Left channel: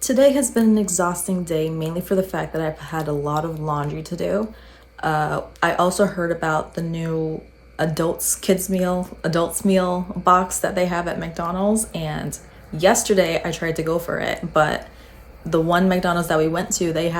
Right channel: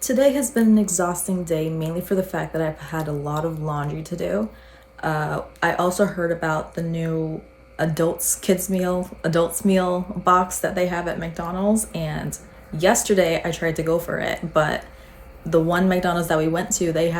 Today has been an exhausting day, mainly for the fact that I've had a lot of laundry to do. I also heard about the new adults meal box that they have at McDonald's, and yesterday I tried to go for it, but the one McDonald's that we went to, they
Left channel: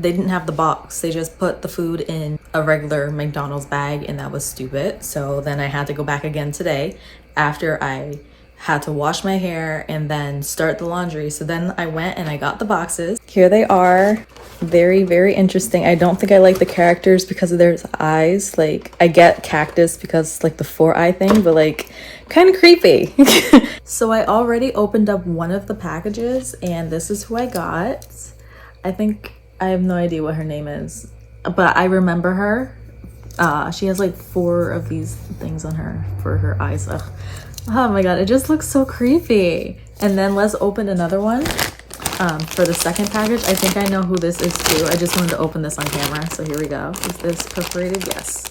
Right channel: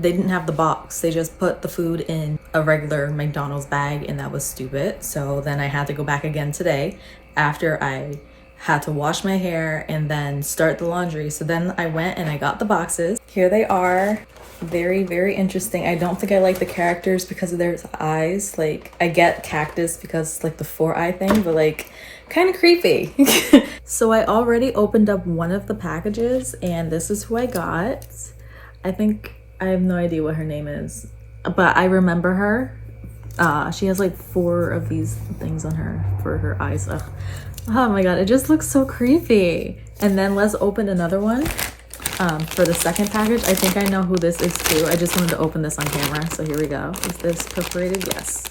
didn't have the box. They just put the food in a regular McDonald's bag, and that was stupid. So then I had to go back again today after I had to wash my hair and then start the laundry. So then I went and I got the boxes. Here they are. Very, very interesting. I don't think I like the characters because of their eyes. Like, I get cactus because like the 4-eye thing, but like kind of creepy. So I already opened up one of the packages and this is who I got. I have no idea what her name is, but I remember her. She has like 4 of these things on her for her eyes. Ugh. Oh my god, it just looks so creepy. And then let's open another one for the second package. I think I know who this is too. I just wanted to open this on camera. So here we go. Is this perforated? Yes.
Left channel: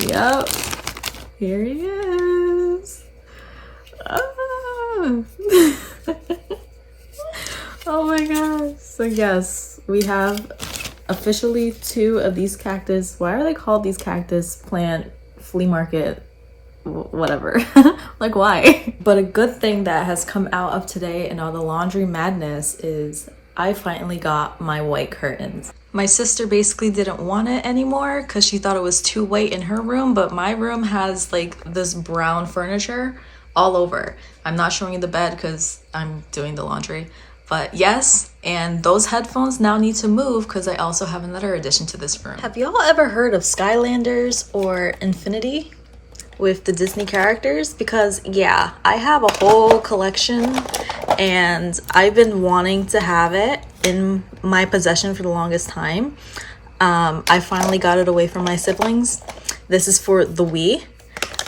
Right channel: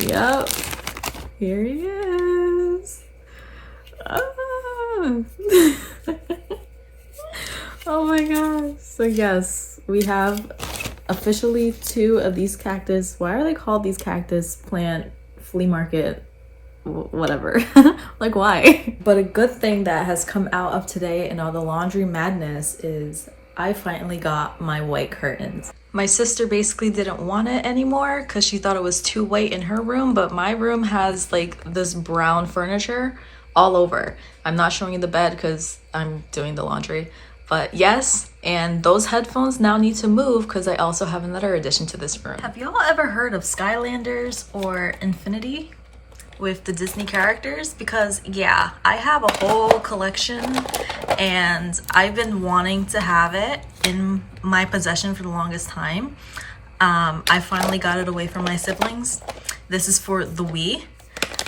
Yep. Here he is. Ah. Oh my god. So yes, we have officially 2 of these cactus. Why are they called these cactus plant flea market whatever? Like, why? But a good thing that has come out of today and all the laundry madness is I finally got my white curtains. My sister basically didn't want it anymore because she thought it was too white in her room, but my room has like this brown furniture all over. I'm not showing you the bed because I'm doing the laundry. But yes, and those headphones now need to move because I also have another addition to this room. Have y'all ever heard of Skylanders or Infinity with the Disney characters? Because yeah, I have a whole collection and I've been wanting to have it in my possession for the longest time. I finally got it away from my siblings. This is for the Wii.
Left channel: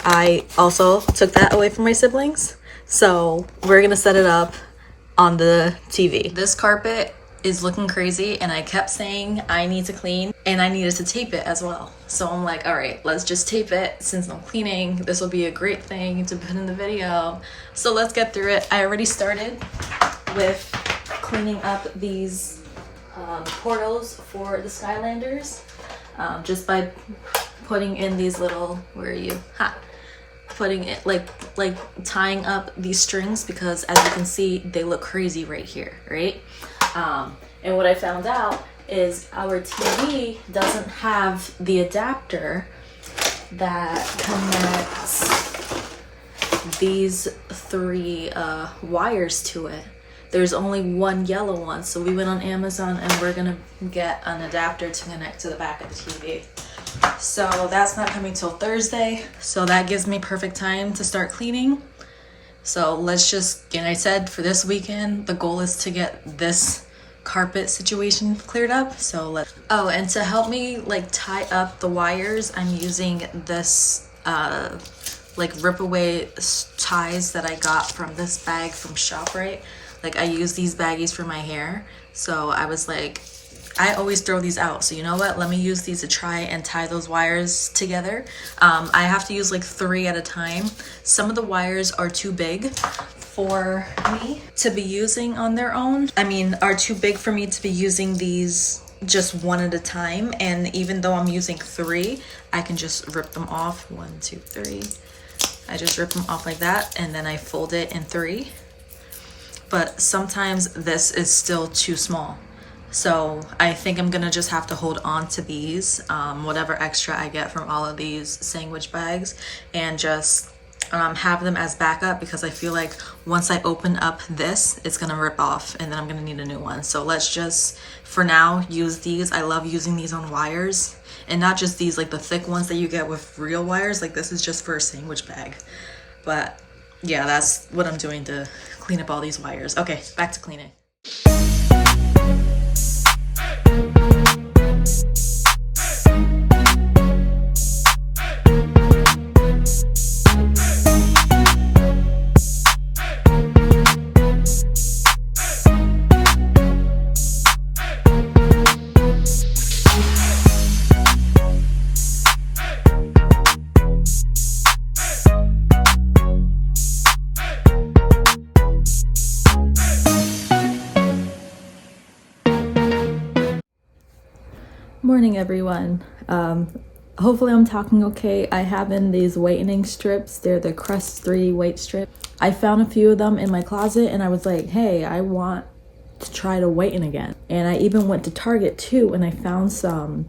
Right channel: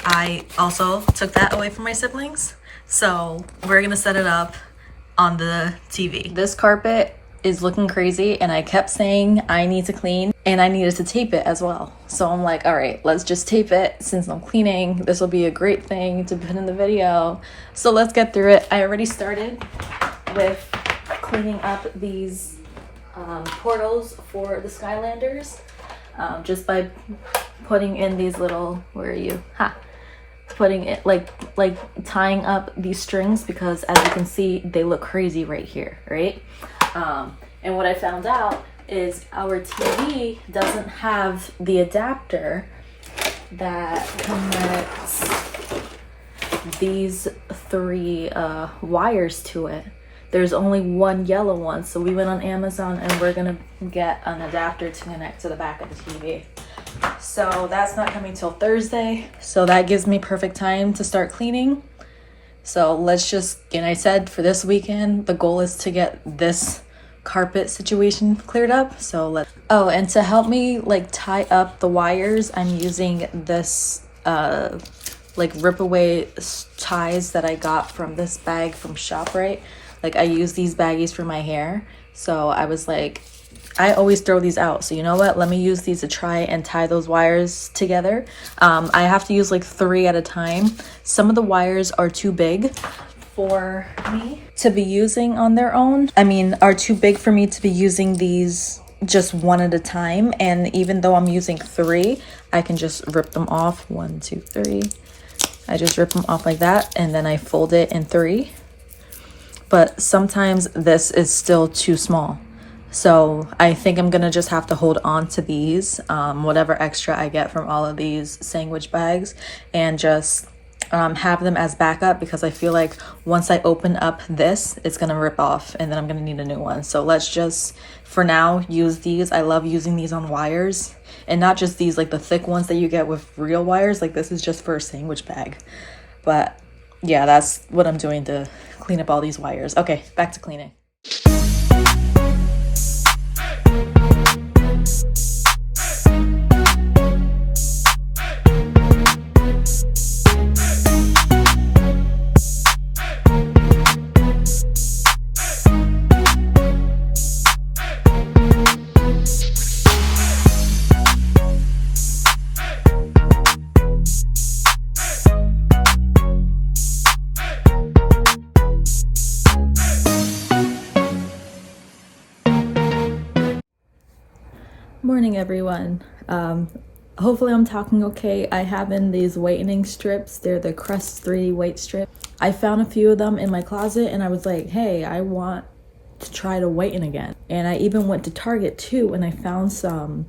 I also took that away from my siblings. So we're gonna set it up on the TV. This carpet is looking crazy and I kept saying I need to clean and I needed to tape it as well. So I'm like, all right, let's just tape it since I'm cleaning. This will be a great thing to put in the video. So let's get through it. I already started with cleaning up these portals for the Skylanders just by putting in these little, where are you? Ha! Putting it like tying up these strings because as you can see they look crazy right here, right? And what I found out is our TV doesn't have the adapter that connects these 3 wires to it. There's only one yellow one, so we went on Amazon and we're gonna get an adapter to connect to the back of the TV. So that's not coming till Thursday. So that gives me perfect time to start cleaning. So let's just, and I said for this weekend, the goal is to get this carpet situation cleared up. So oh, and to help me like tie up the wires, I'm using this like rip away ties that I got from this bag from ShopRite. Like I use these baggies for my hair. So I was like, I always throw these out, so you know what, let me use these to try and tie those wires together. I have to use like 3 at a time. Some of the wires are too big for me to be using on their own. Are too big for me to be using these just 1 at a time. And even though I'm using 3, I can just rip them off. 1, 2, 3. I just rip them off like that, and then I fold it in 3. But sometimes this is still too small. So I think I'm gonna just have to hold on to these, whatever extra I get from all of these sandwich bags, and just have them as backup because I feel like once I open up this, it's gonna rip off and then I'm gonna need a new one. So let's just, for now, use these. I love using these on wires, and not just these, like the thick ones that you get with real wires. Like this is just for a sandwich bag. But yeah, that's what I'm doing to clean up all these wires. Okay, back to cleaning. Morning, everyone. Hopefully I'm talking okay. I have in these whitening strips. They're the Crest 3 white strip. I found a few of them in my closet and I was like, hey, I want to try to whiten again. And I even went to Target too and I found some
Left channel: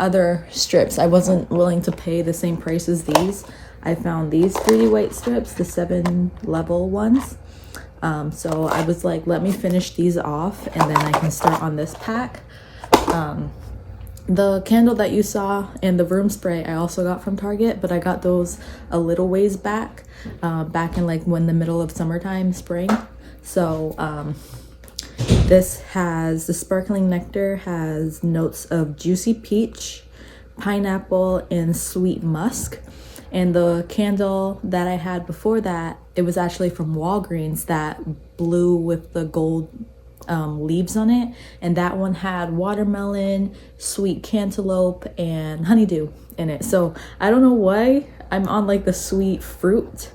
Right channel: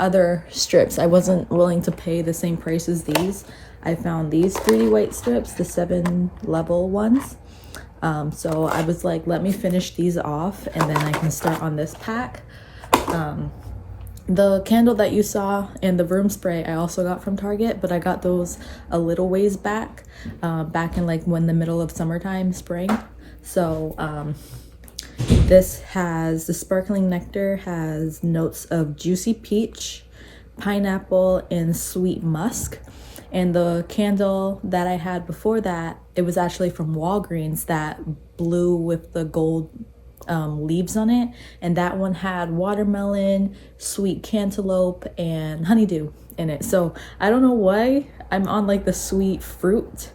other strips. I wasn't willing to pay the same price as these. I found these 3D white strips, the 7 level ones. So I was like, let me finish these off and then I can start on this pack. The candle that you saw and the room spray I also got from Target, but I got those a little ways back in like when the middle of summertime, spring. So this has the sparkling nectar, has notes of juicy peach, pineapple, and sweet musk. And the candle that I had before that, it was actually from Walgreens, that blue with the gold leaves on it, and that one had watermelon, sweet cantaloupe, and honeydew in it. So I don't know why I'm on like the sweet fruit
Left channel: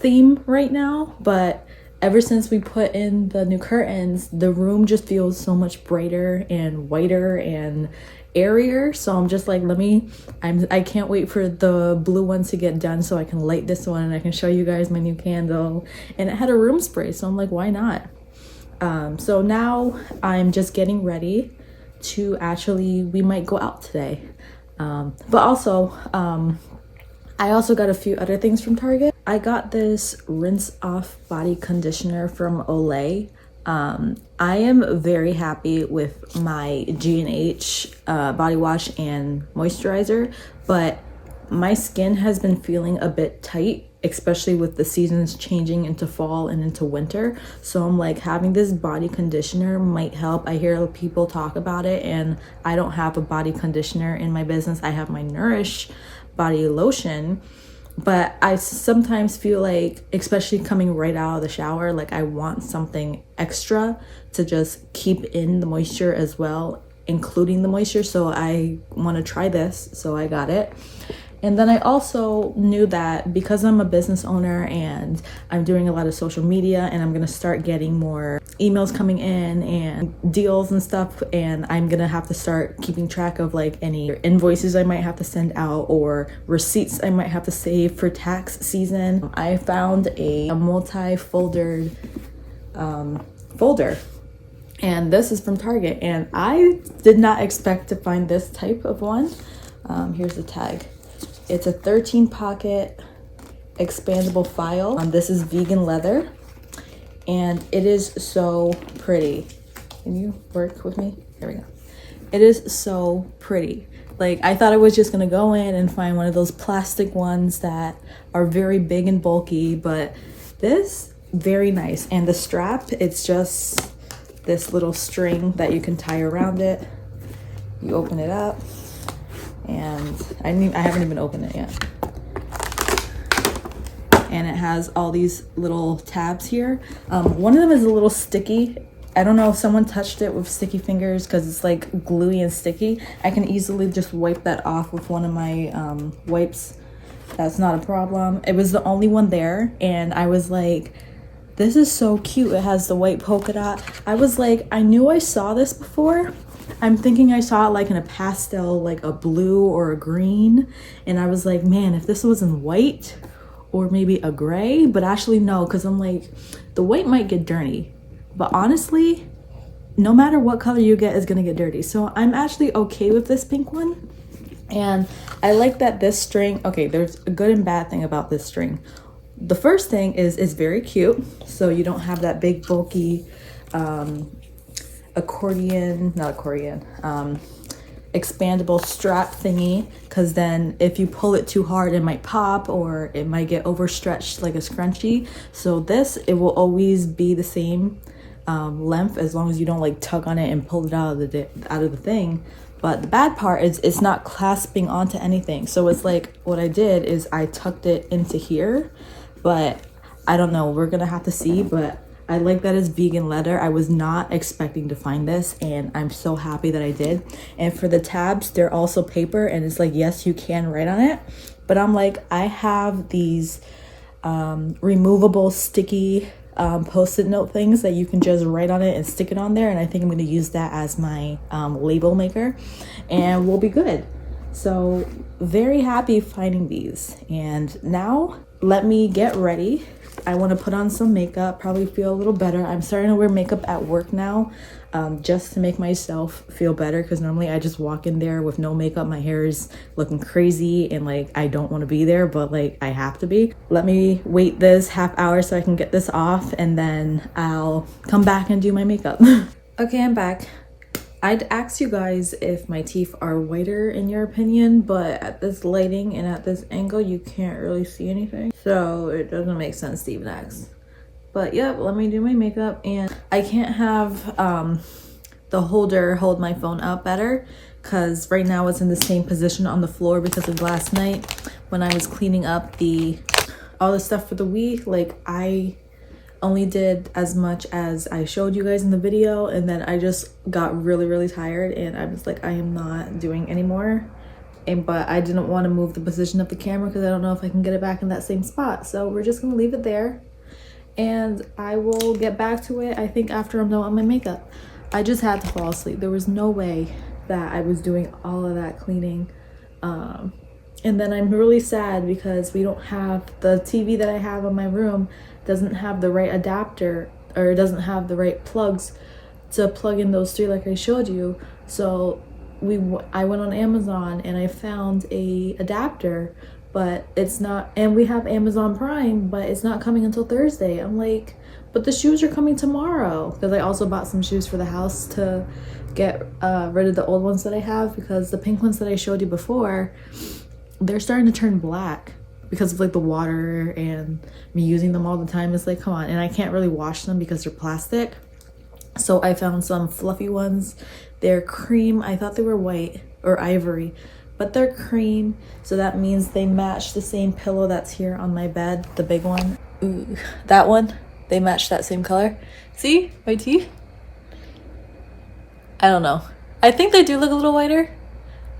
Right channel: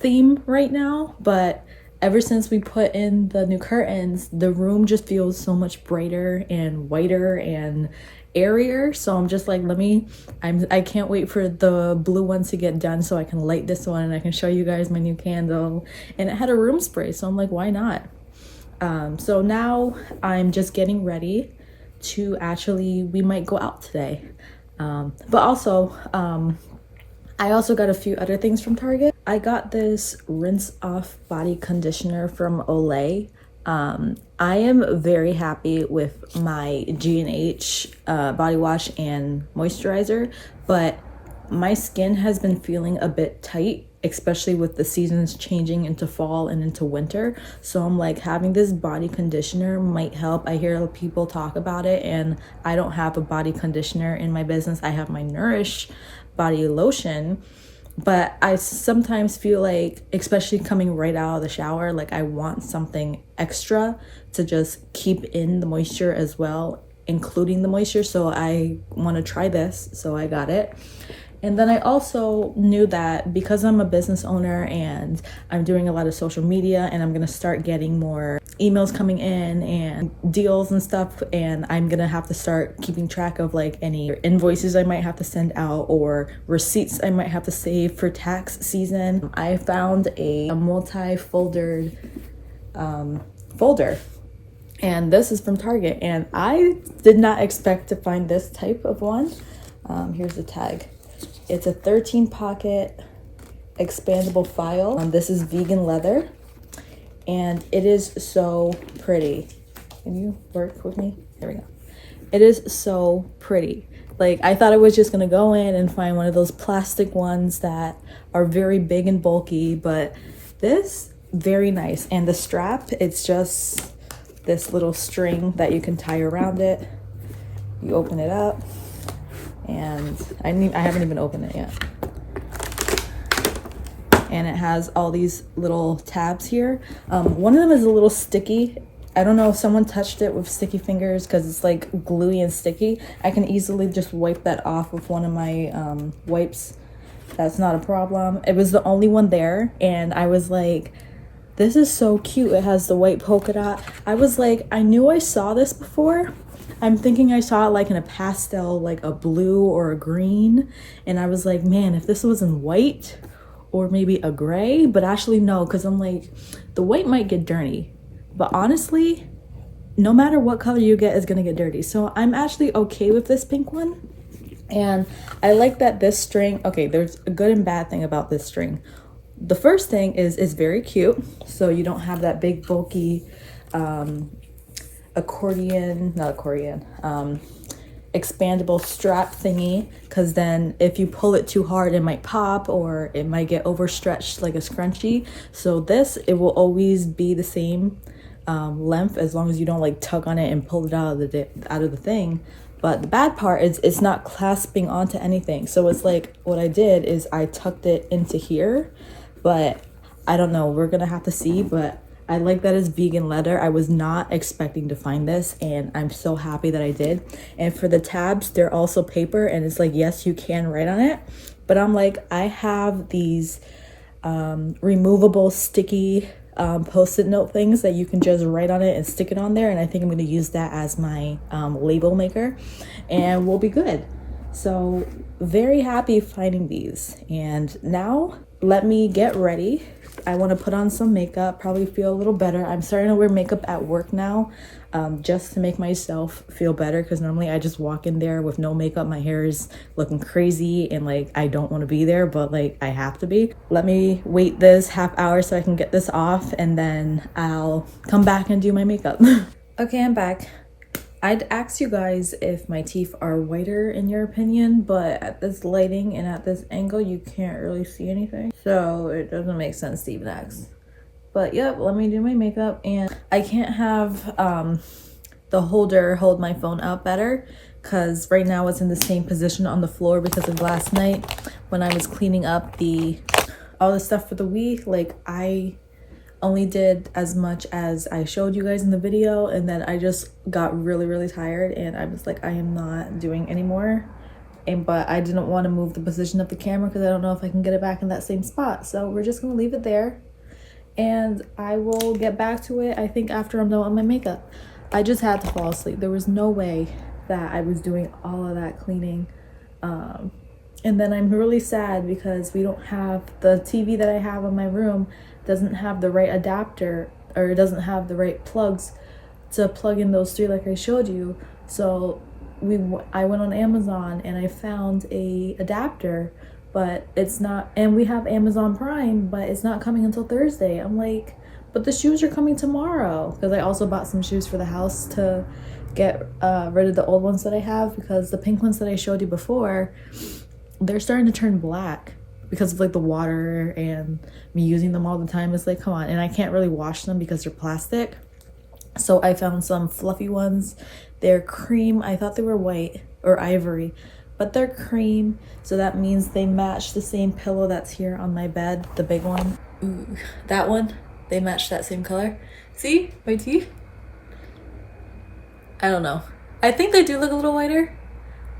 theme right now, but ever since we put in the new curtains, the room just feels so much brighter and whiter and airier. So I'm just like, I can't wait for the blue one to get done so I can light this one and I can show you guys my new candle. And it had a room spray, so I'm like, why not? So now I'm just getting ready to we might go out today. But also, I also got a few other things from Target. I got this Rinse Off body conditioner from Olay. I am very happy with my G&H body wash and moisturizer, but my skin has been feeling a bit tight, especially with the seasons changing into fall and into winter. So I'm like, having this body conditioner might help. I hear people talk about it and I don't have a body conditioner in my business. I have my Nourish body lotion, but I sometimes feel like, especially coming right out of the shower, like I want something extra to just keep in the moisture as well, including the moisture. So I want to try this, so I got it. And then I also knew that because I'm a business owner and I'm doing a lot of social media and I'm gonna start getting more emails coming in and deals and stuff, and I'm gonna have to start keeping track of like any invoices I might have to send out or receipts I might have to save for tax season. I found a multi-foldered folder, and this is from Target, and I did not expect to find this type of one. Here's the tag. It's a 13 pocket expandable file. This is vegan leather and it is so pretty. Can you work with me? There we go. It is so pretty. Like, I thought I was just gonna go in and find one of those plastic ones that are very big and bulky, but this, very nice. And the strap, it's just this little string that you can tie around it. You open it up. And I haven't even opened it yet. And it has all these little tabs here. One of them is a little sticky. I don't know if someone touched it with sticky fingers because it's like gluey and sticky. I can easily just wipe that off with one of my wipes. That's not a problem. It was the only one there, and I was like, this is so cute. It has the white polka dot. I was like, I knew I saw this before. I'm thinking I saw it like in a pastel, like a blue or a green. And I was like, man, if this was in white or maybe a gray, but actually no, because I'm like, the white might get dirty. But honestly, no matter what color you get is gonna get dirty. So I'm actually okay with this pink one. And I like that this string, okay, there's a good and bad thing about this string. The first thing is it's very cute. So you don't have that big bulky, expandable strap thingy, because then if you pull it too hard it might pop or it might get overstretched like a scrunchie. So this, it will always be the same length as long as you don't like tug on it and pull it out of the thing. But the bad part is it's not clasping onto anything. So it's like, what I did is I tucked it into here, but I don't know, we're gonna have to see. But I like that it's vegan leather. I was not expecting to find this, and I'm so happy that I did. And for the tabs, they're also paper, and it's like, yes, you can write on it. But I'm like, I have these removable sticky post-it note things that you can just write on it and stick it on there, and I think I'm going to use that as my label maker, and we'll be good. So very happy finding these. And now let me get ready. I want to put on some makeup, probably feel a little better. I'm starting to wear makeup at work now, just to make myself feel better, because normally I just walk in there with no makeup. My hair is looking crazy and like I don't want to be there, but like I have to be. Let me wait this half hour so I can get this off, and then I'll come back and do my makeup. Okay, I'm back. I'd ask you guys if my teeth are whiter in your opinion, but at this lighting and at this angle, you can't really see anything. So it doesn't make sense to even ask. But yep, let me do my makeup. And I can't have the holder hold my phone out better, because right now it's in the same position on the floor because of last night when I was cleaning up all the stuff for the Wii. Like, I only did as much as I showed you guys in the video, and then I just got really tired and I was like, I am not doing anymore. But I didn't want to move the position of the camera because I don't know if I can get it back in that same spot, so we're just gonna leave it there and I will get back to it, I think, after I'm done with my makeup. I just had to fall asleep. There was no way that I was doing all of that cleaning. And then I'm really sad because we don't have the TV that I have in my room doesn't have the right adapter, or it doesn't have the right plugs to plug in those 3 like I showed you. So I went on Amazon and I found a adapter, but it's not, and we have Amazon Prime, but it's not coming until Thursday. I'm like, but the shoes are coming tomorrow, because I also bought some shoes for the house to get rid of the old ones that I have, because the pink ones that I showed you before, they're starting to turn black because of like the water and me using them all the time. It's like, come on. And I can't really wash them because they're plastic. So I found some fluffy ones. They're cream. I thought they were white or ivory, but they're cream. So that means they match the same pillow that's here on my bed, the big one. Ooh, that one, they match that same color. See my teeth? I don't know. I think they do look a little whiter.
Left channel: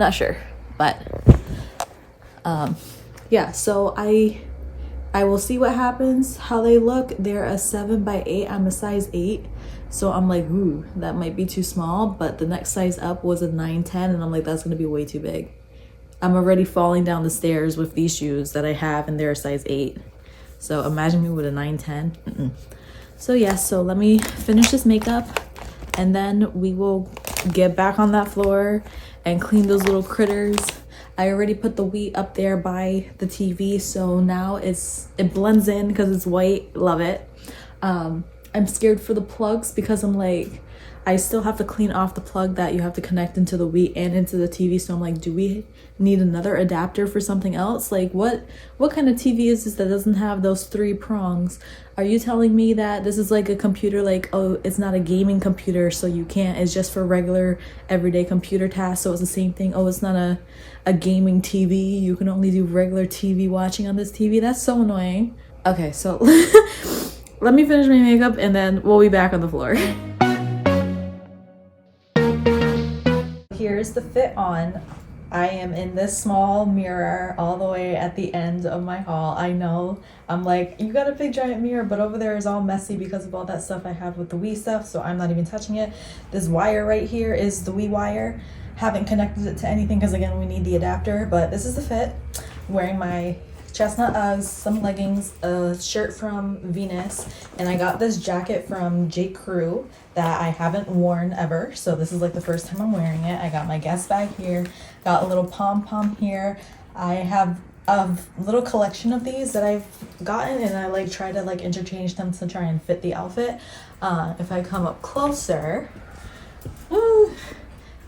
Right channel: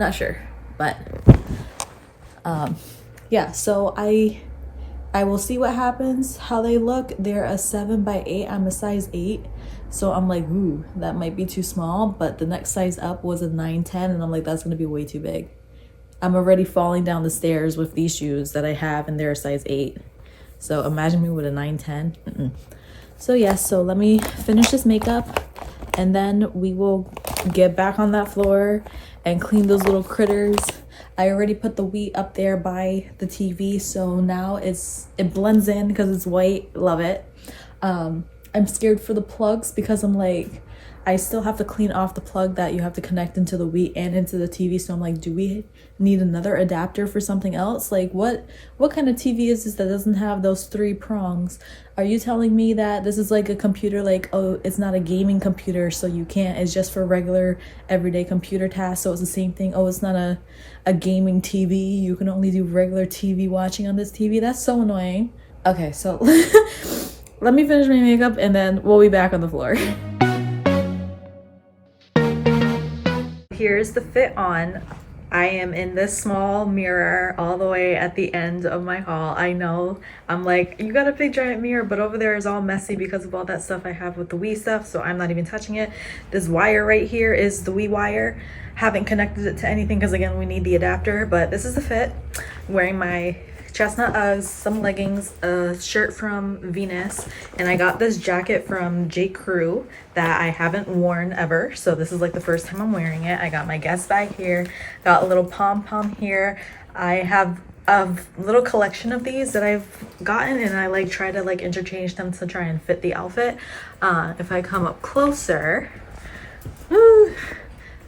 Not sure, but yeah, so I will see what happens, how they look. They're a 7x8. I'm a size 8, so I'm like, ooh, that might be too small. But the next size up was a 9-10, and I'm like, that's gonna be way too big. I'm already falling down the stairs with these shoes that I have, and they're a size 8. So imagine me with a 9-10. So yeah, so let me finish this makeup, and then we will get back on that floor and clean those little critters. I already put the Wii up there by the TV, so now it blends in because it's white. Love it. I'm scared for the plugs because I'm like, I still have to clean off the plug that you have to connect into the Wii and into the TV. So I'm like, do we need another adapter for something else? Like, what kind of TV is this that doesn't have those 3 prongs? Are you telling me that this is like a computer, like, oh, it's not a gaming computer, so you can't, it's just for regular everyday computer tasks, so it's the same thing? Oh, it's not a gaming TV, you can only do regular TV watching on this TV? That's so annoying. Okay, so let me finish my makeup and then we'll be back on the floor. Here's the fit on. I am in this small mirror all the way at the end of my haul. I know, I'm like, you got a big giant mirror, but over there is all messy because of all that stuff I have with the Wii stuff, so I'm not even touching it. This wire right here is the Wii wire. Haven't connected it to anything because, again, we need the adapter, but this is the fit. I'm wearing my chestnut Uggs, some leggings, a shirt from Venus, and I got this jacket from J. Crew that I haven't worn ever, so this is like the first time I'm wearing it. I got my Guess bag here, got a little pom-pom here. I have a little collection of these that I've gotten, and I like try to like interchange them to try and fit the outfit. If I come up closer,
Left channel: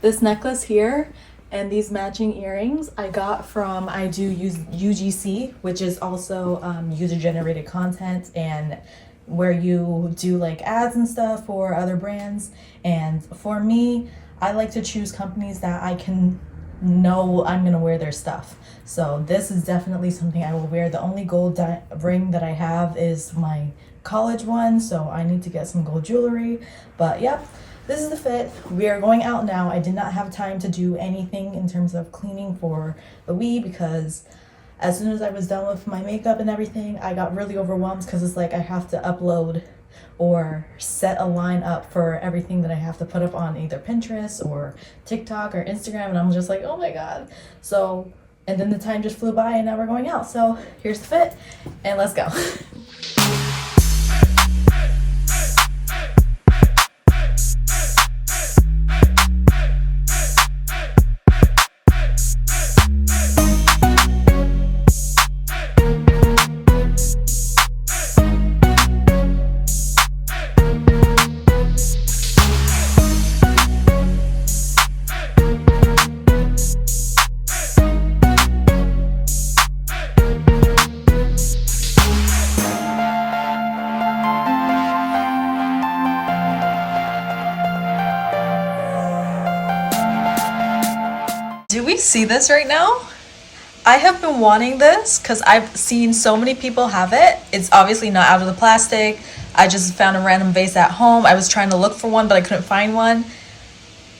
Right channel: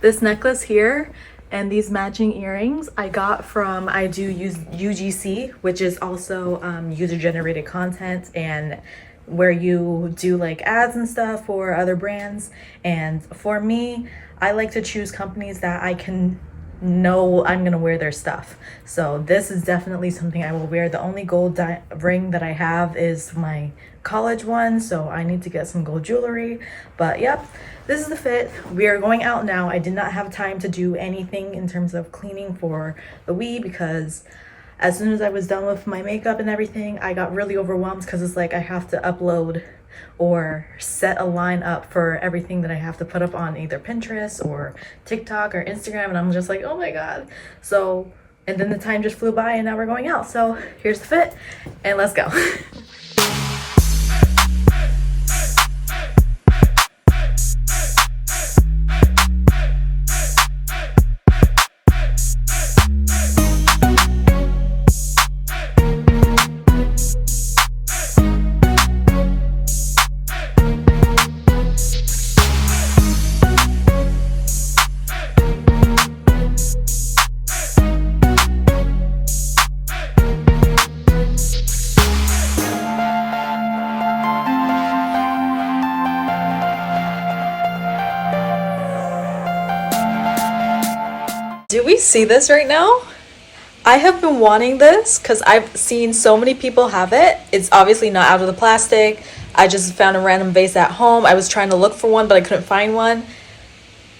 this necklace here and these matching earrings I got from, I do use UGC, which is also user-generated content, and where you do like ads and stuff for other brands. And for me, I like to choose companies that I can know I'm gonna wear their stuff. So this is definitely something I will wear. The only gold ring that I have is my college one, so I need to get some gold jewelry. But yep, this is the fit. We are going out now. I did not have time to do anything in terms of cleaning for the Wii because as soon as I was done with my makeup and everything, I got really overwhelmed because it's like I have to upload or set a line up for everything that I have to put up on either Pinterest or TikTok or Instagram, and I'm just like, oh my god. So, and then the time just flew by and now we're going out. So here's the fit and let's go. Do we see this right now? I have been wanting this because I've seen so many people have it. It's obviously not out of the plastic. I just found a random vase at home. I was trying to look for one, but I couldn't find one.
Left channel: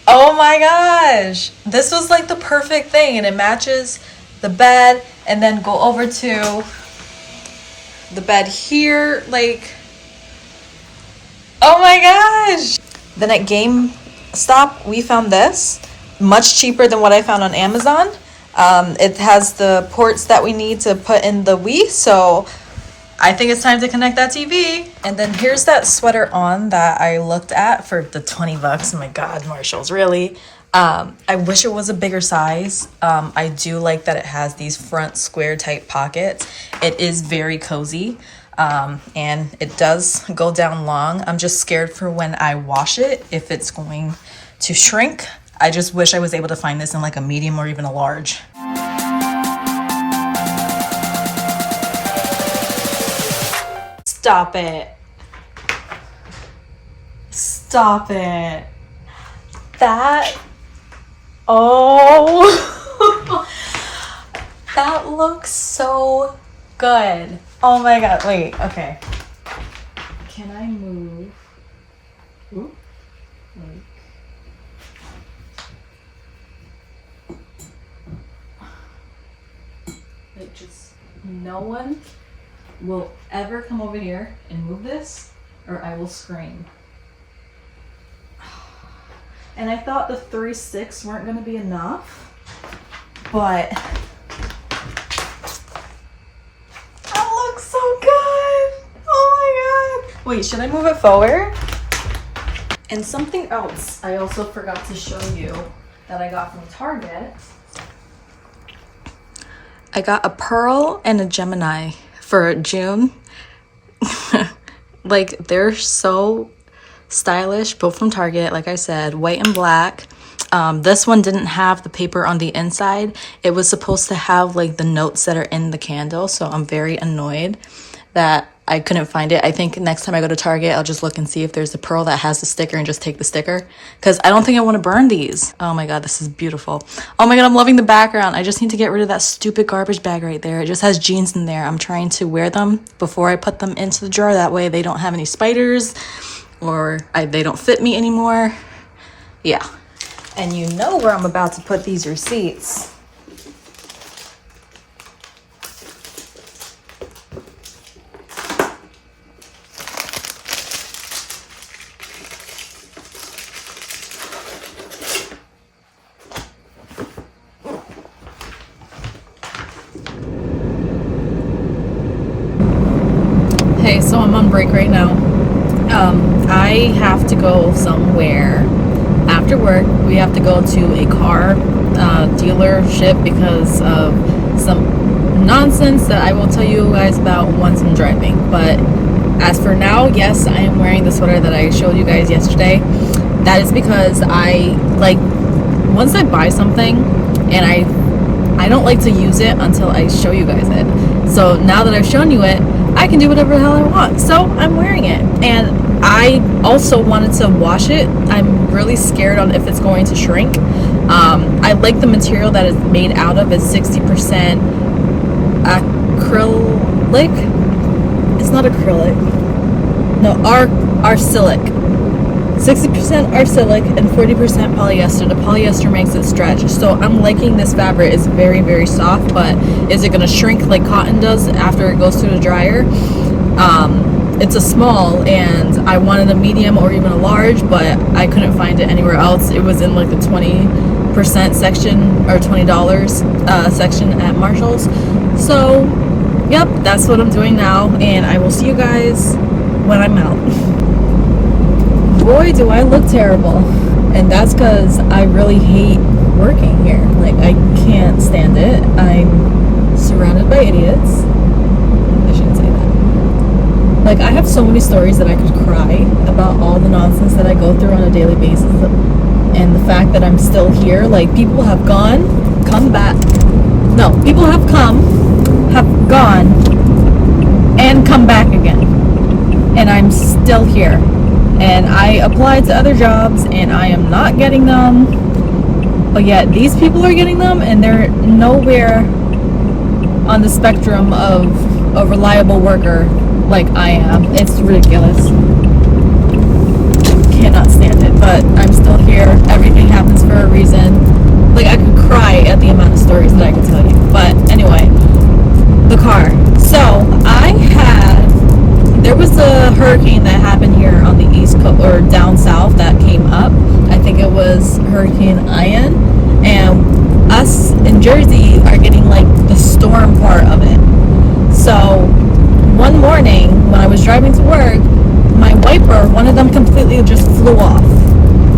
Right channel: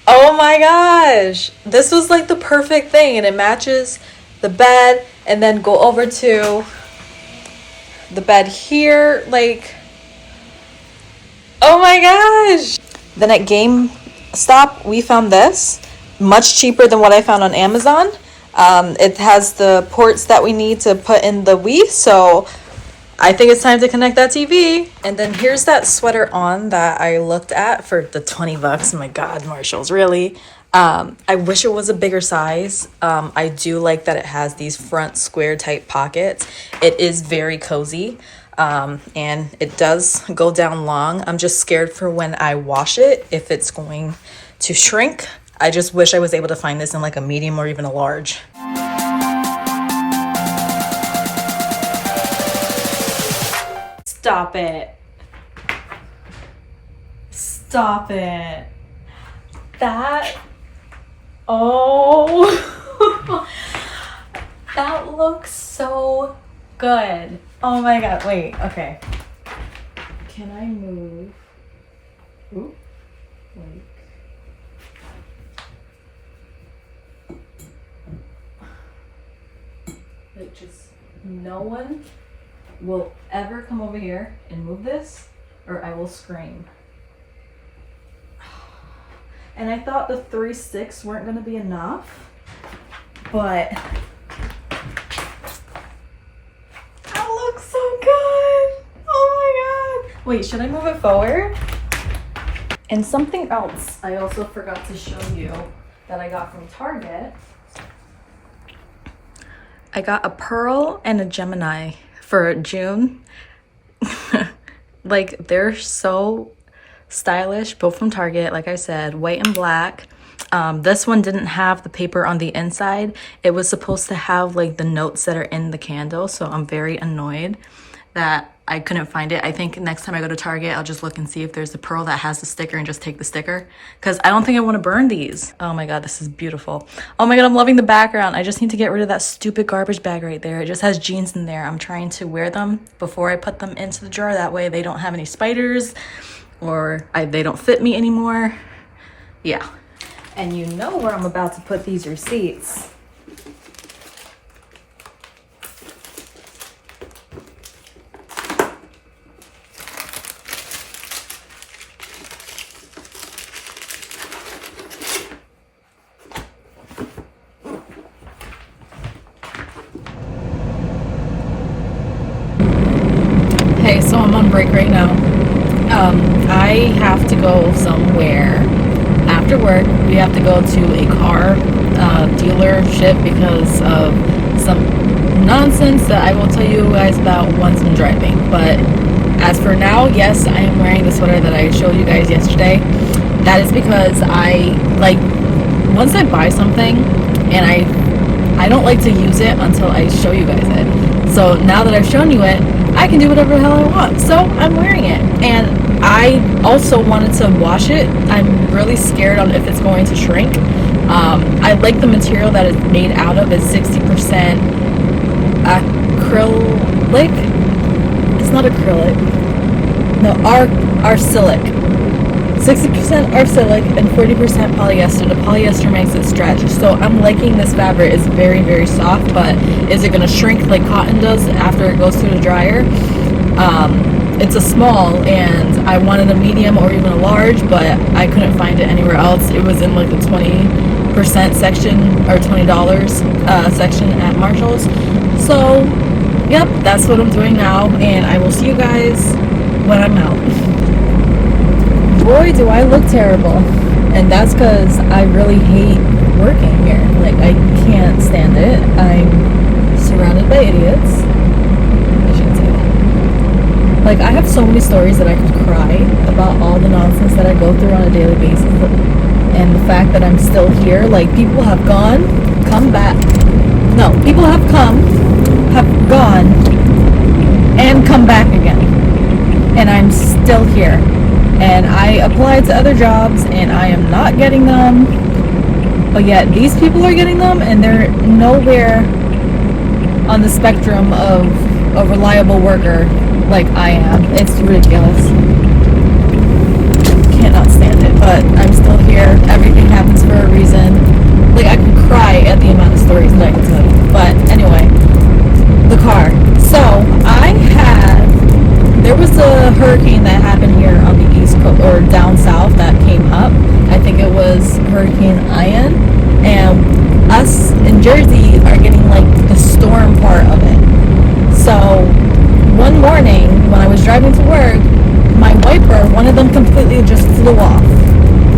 Oh my gosh. This was like the perfect thing, and it matches the bed. And then go over to the bed here. Like, oh my gosh. Then at GameStop, we found this. Much cheaper than what I found on Amazon. It has the ports that we need to put in the Wii, so I think it's time to connect that TV. And then here's that sweater on that I looked at for the 20 bucks. Oh my god, Marshalls, really? I wish it was a bigger size. I do like that it has these front square type pockets. It is very cozy. And it does go down long. I'm just scared for when I wash it, if it's going to shrink. I just wish I was able to find this in like a medium or even a large. Stop it. Stop it. That, oh, that looks so good. Oh my god, wait, okay. Can I move? Ooh, wait. Like, just no one will ever come over here and move this, or I will scream. And I thought the 3 sticks weren't going to be enough, but that looks so good. Oh my god. Wait, should I move it forward? And something else I also forgot to show you that I got from Target. I got a pearl and a Gemini for June. Like, they're so stylish, both from Target, like I said, white and black. This one didn't have the paper on the inside. It was supposed to have like the notes that are in the candle, so I'm very annoyed that I couldn't find it. I think next time I go to Target, I'll just look and see if there's a pearl that has the sticker and just take the sticker, because I don't think I want to burn these. Oh my god, this is beautiful. Oh my god, I'm loving the background. I just need to get rid of that stupid garbage bag right there. It just has jeans in there. I'm trying to wear them before I put them into the drawer. That way they don't have any spiders, or they don't fit me anymore. Yeah. And you know where I'm about to put these receipts. Hey, so I'm on break right now. I have to go somewhere after work. We have to go to a car dealership because of some nonsense that I will tell you guys about once I'm driving. But as for now, yes, I am wearing the sweater that I showed you guys yesterday. That is because I like, once I buy something and I don't like to use it until I show you guys it. So now that I've shown you it, I can do whatever the hell I want. So I'm wearing it. And I also wanted to wash it. I'm really scared on if it's going to shrink. I like the material that it's made out of. It's 60% acrylic. It's not acrylic. No, arcilic. 60% arsenic and 40% polyester. The polyester makes it stretch. So I'm liking this fabric. It's very, very soft, but is it gonna shrink like cotton does after it goes through the dryer? It's a small, and I wanted a medium or even a large, but I couldn't find it anywhere else. It was in like the 20% section or $20 section at Marshall's. So yep, that's what I'm doing now, and I will see you guys when I'm out. Boy, do I look terrible. And that's because I really hate working here. Like, I can't stand it. I'm surrounded by idiots. I shouldn't say that. Like, I have so many stories that I could cry about all the nonsense that I go through on a daily basis. And the fact that I'm still here, like, people have gone, come back. No, people have come, have gone, and come back again. And I'm still here. And I applied to other jobs and I am not getting them, but yet these people are getting them, and they're nowhere on the spectrum of a reliable worker like I am. It's ridiculous. Cannot stand it, but I'm still here. Everything happens for a reason. Like, I could cry at the amount of stories that I could tell you. But anyway, the car. So there was a hurricane that happened here on the East Coast, or down south, that came up. I think it was Hurricane Ian, and us in Jersey are getting like the storm part of it. So one morning when I was driving to work, my wiper, one of them completely just flew off,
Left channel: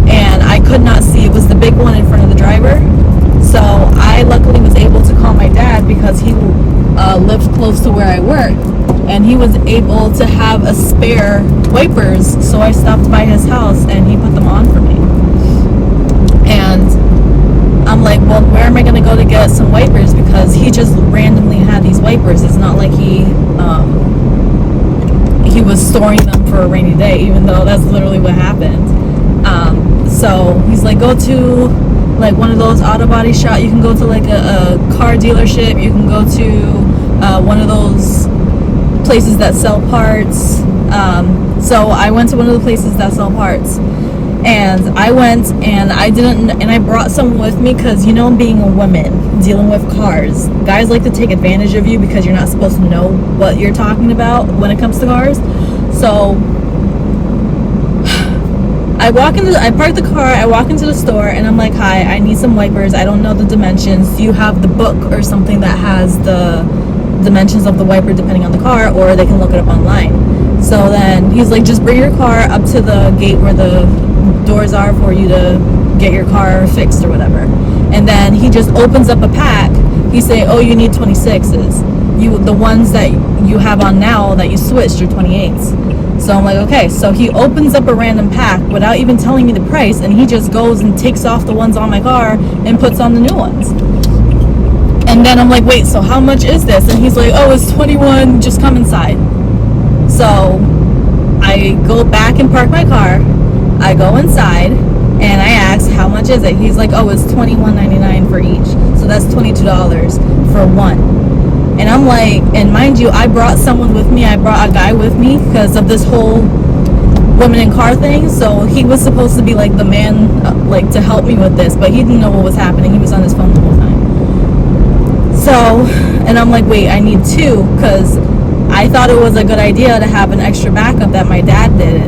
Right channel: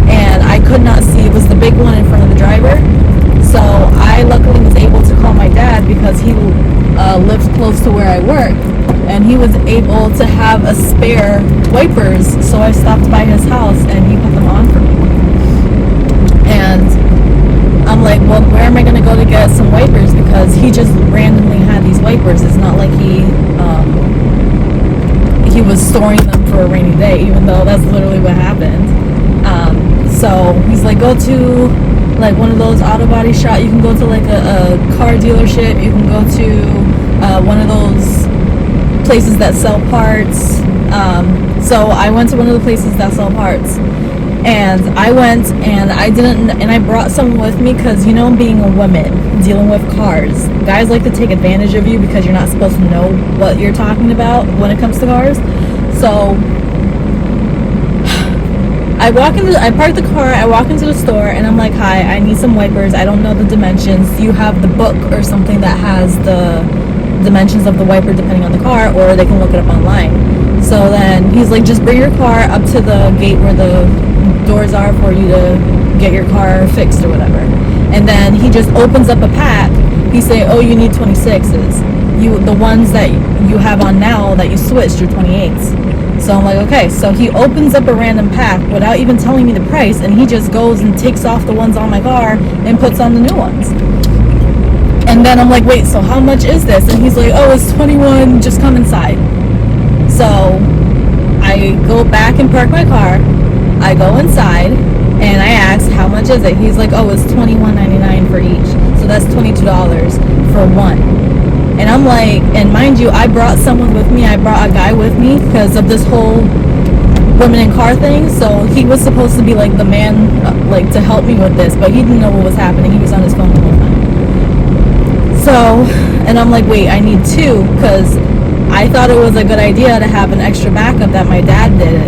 and I could not see. It was the big one in front of the driver. So I luckily was able to call my dad because he lives close to where I work, and he was able to have a spare wipers. So I stopped by his house and he put them on for me. And I'm like, well, where am I going to go to get some wipers? Because he just randomly had these wipers. It's not like he was storing them for a rainy day, even though that's literally what happened. So he's like, go to like one of those auto body shop. You can go to like a car dealership. You can go to one of those places that sell parts. So I went to one of the places that sell parts, and I went and I brought someone with me because, you know, being a woman dealing with cars, guys like to take advantage of you because you're not supposed to know what you're talking about when it comes to cars. So I park the car, I walk into the store, and I'm like, hi, I need some wipers. I don't know the dimensions. Do you have the book or something that has the dimensions of the wiper depending on the car, or they can look it up online? So then he's like, just bring your car up to the gate where the doors are for you to get your car fixed or whatever. And then he just opens up a pack. He's saying, oh, you need 26s. The ones that you have on now that you switched are 28s. So I'm like, okay. So he opens up a random pack without even telling me the price, and he just goes and takes off the ones on my car and puts on the new ones. And then I'm like, wait, so how much is this? And he's like, oh, it's 21, just come inside. So I go back and park my car. I go inside and I ask, how much is it? He's like, oh, it's $21.99 for each. So that's $22 for one. And I'm like, and mind you, I brought someone with me. I brought a guy with me because of this whole women in car thing. So he was supposed to be like the man, like to help me with this, but he didn't know what was happening. He was on his phone the whole time. So, and I'm like, wait, I need two, because I thought it was a good idea to have an extra backup that my dad did.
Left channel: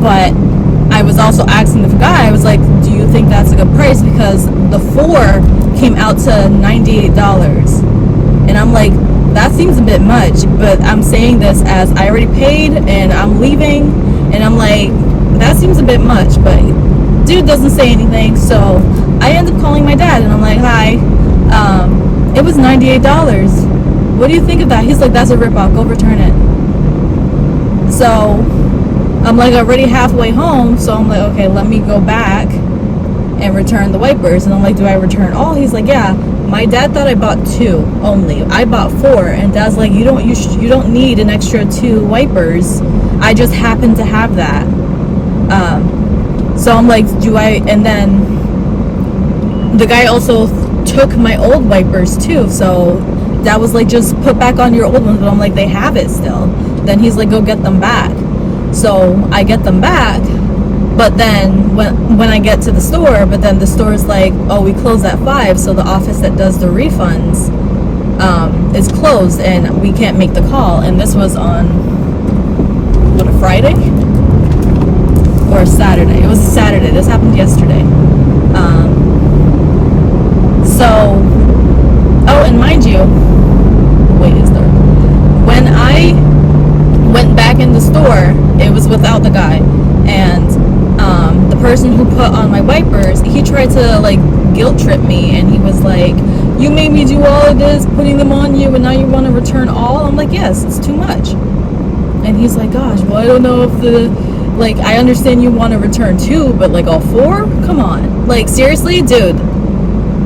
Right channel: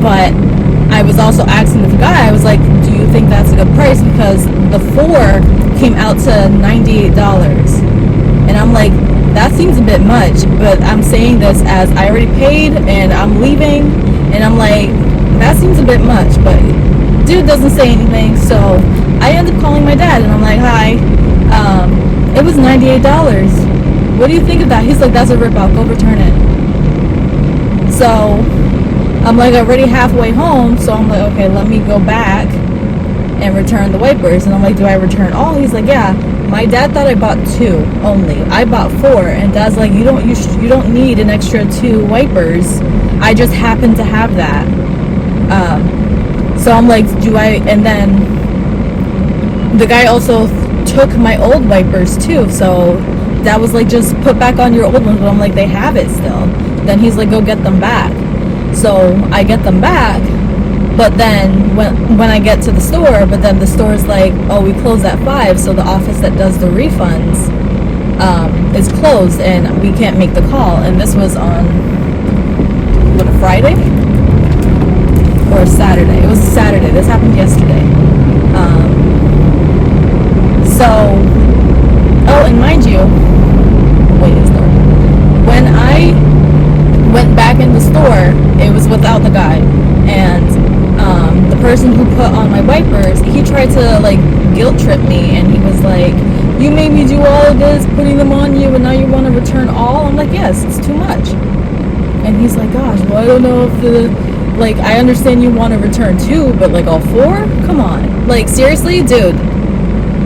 But I was also asking the guy, I was like, do you think that's a good price? Because the 4 came out to $98. And I'm like, that seems a bit much, but I'm saying this as I already paid and I'm leaving, and I'm like, that seems a bit much, but dude doesn't say anything. So I end up calling my dad and I'm like, hi, it was $98. What do you think of that? He's like, that's a ripoff, go return it. So I'm like already halfway home, so I'm like, okay, let me go back and return the wipers. And I'm like, do I return all? He's like, yeah. My dad thought I bought 2 only. I bought 4, and Dad's like, you don't need an extra 2 wipers. I just happen to have that. So I'm like, and then the guy also took my old wipers too. So Dad was like, just put back on your old ones. But I'm like, they have it still. Then he's like, go get them back. So I get them back, But then when I get to the store, but then the store's like, oh, we close at 5, so the office that does the refunds is closed and we can't make the call. And this was on what, a Friday or a Saturday? It was a Saturday. This happened yesterday. Oh, and mind you, when I went back in the store, it was without the guy, and the person who put on my wipers, he tried to like guilt trip me, and he was like, you made me do all of this, putting them on you, and now you want to return all? I'm like, yes, it's too much. And he's like, gosh, well, I don't know if like, I understand you want to return 2, but like all 4? Come on. Like, seriously, dude,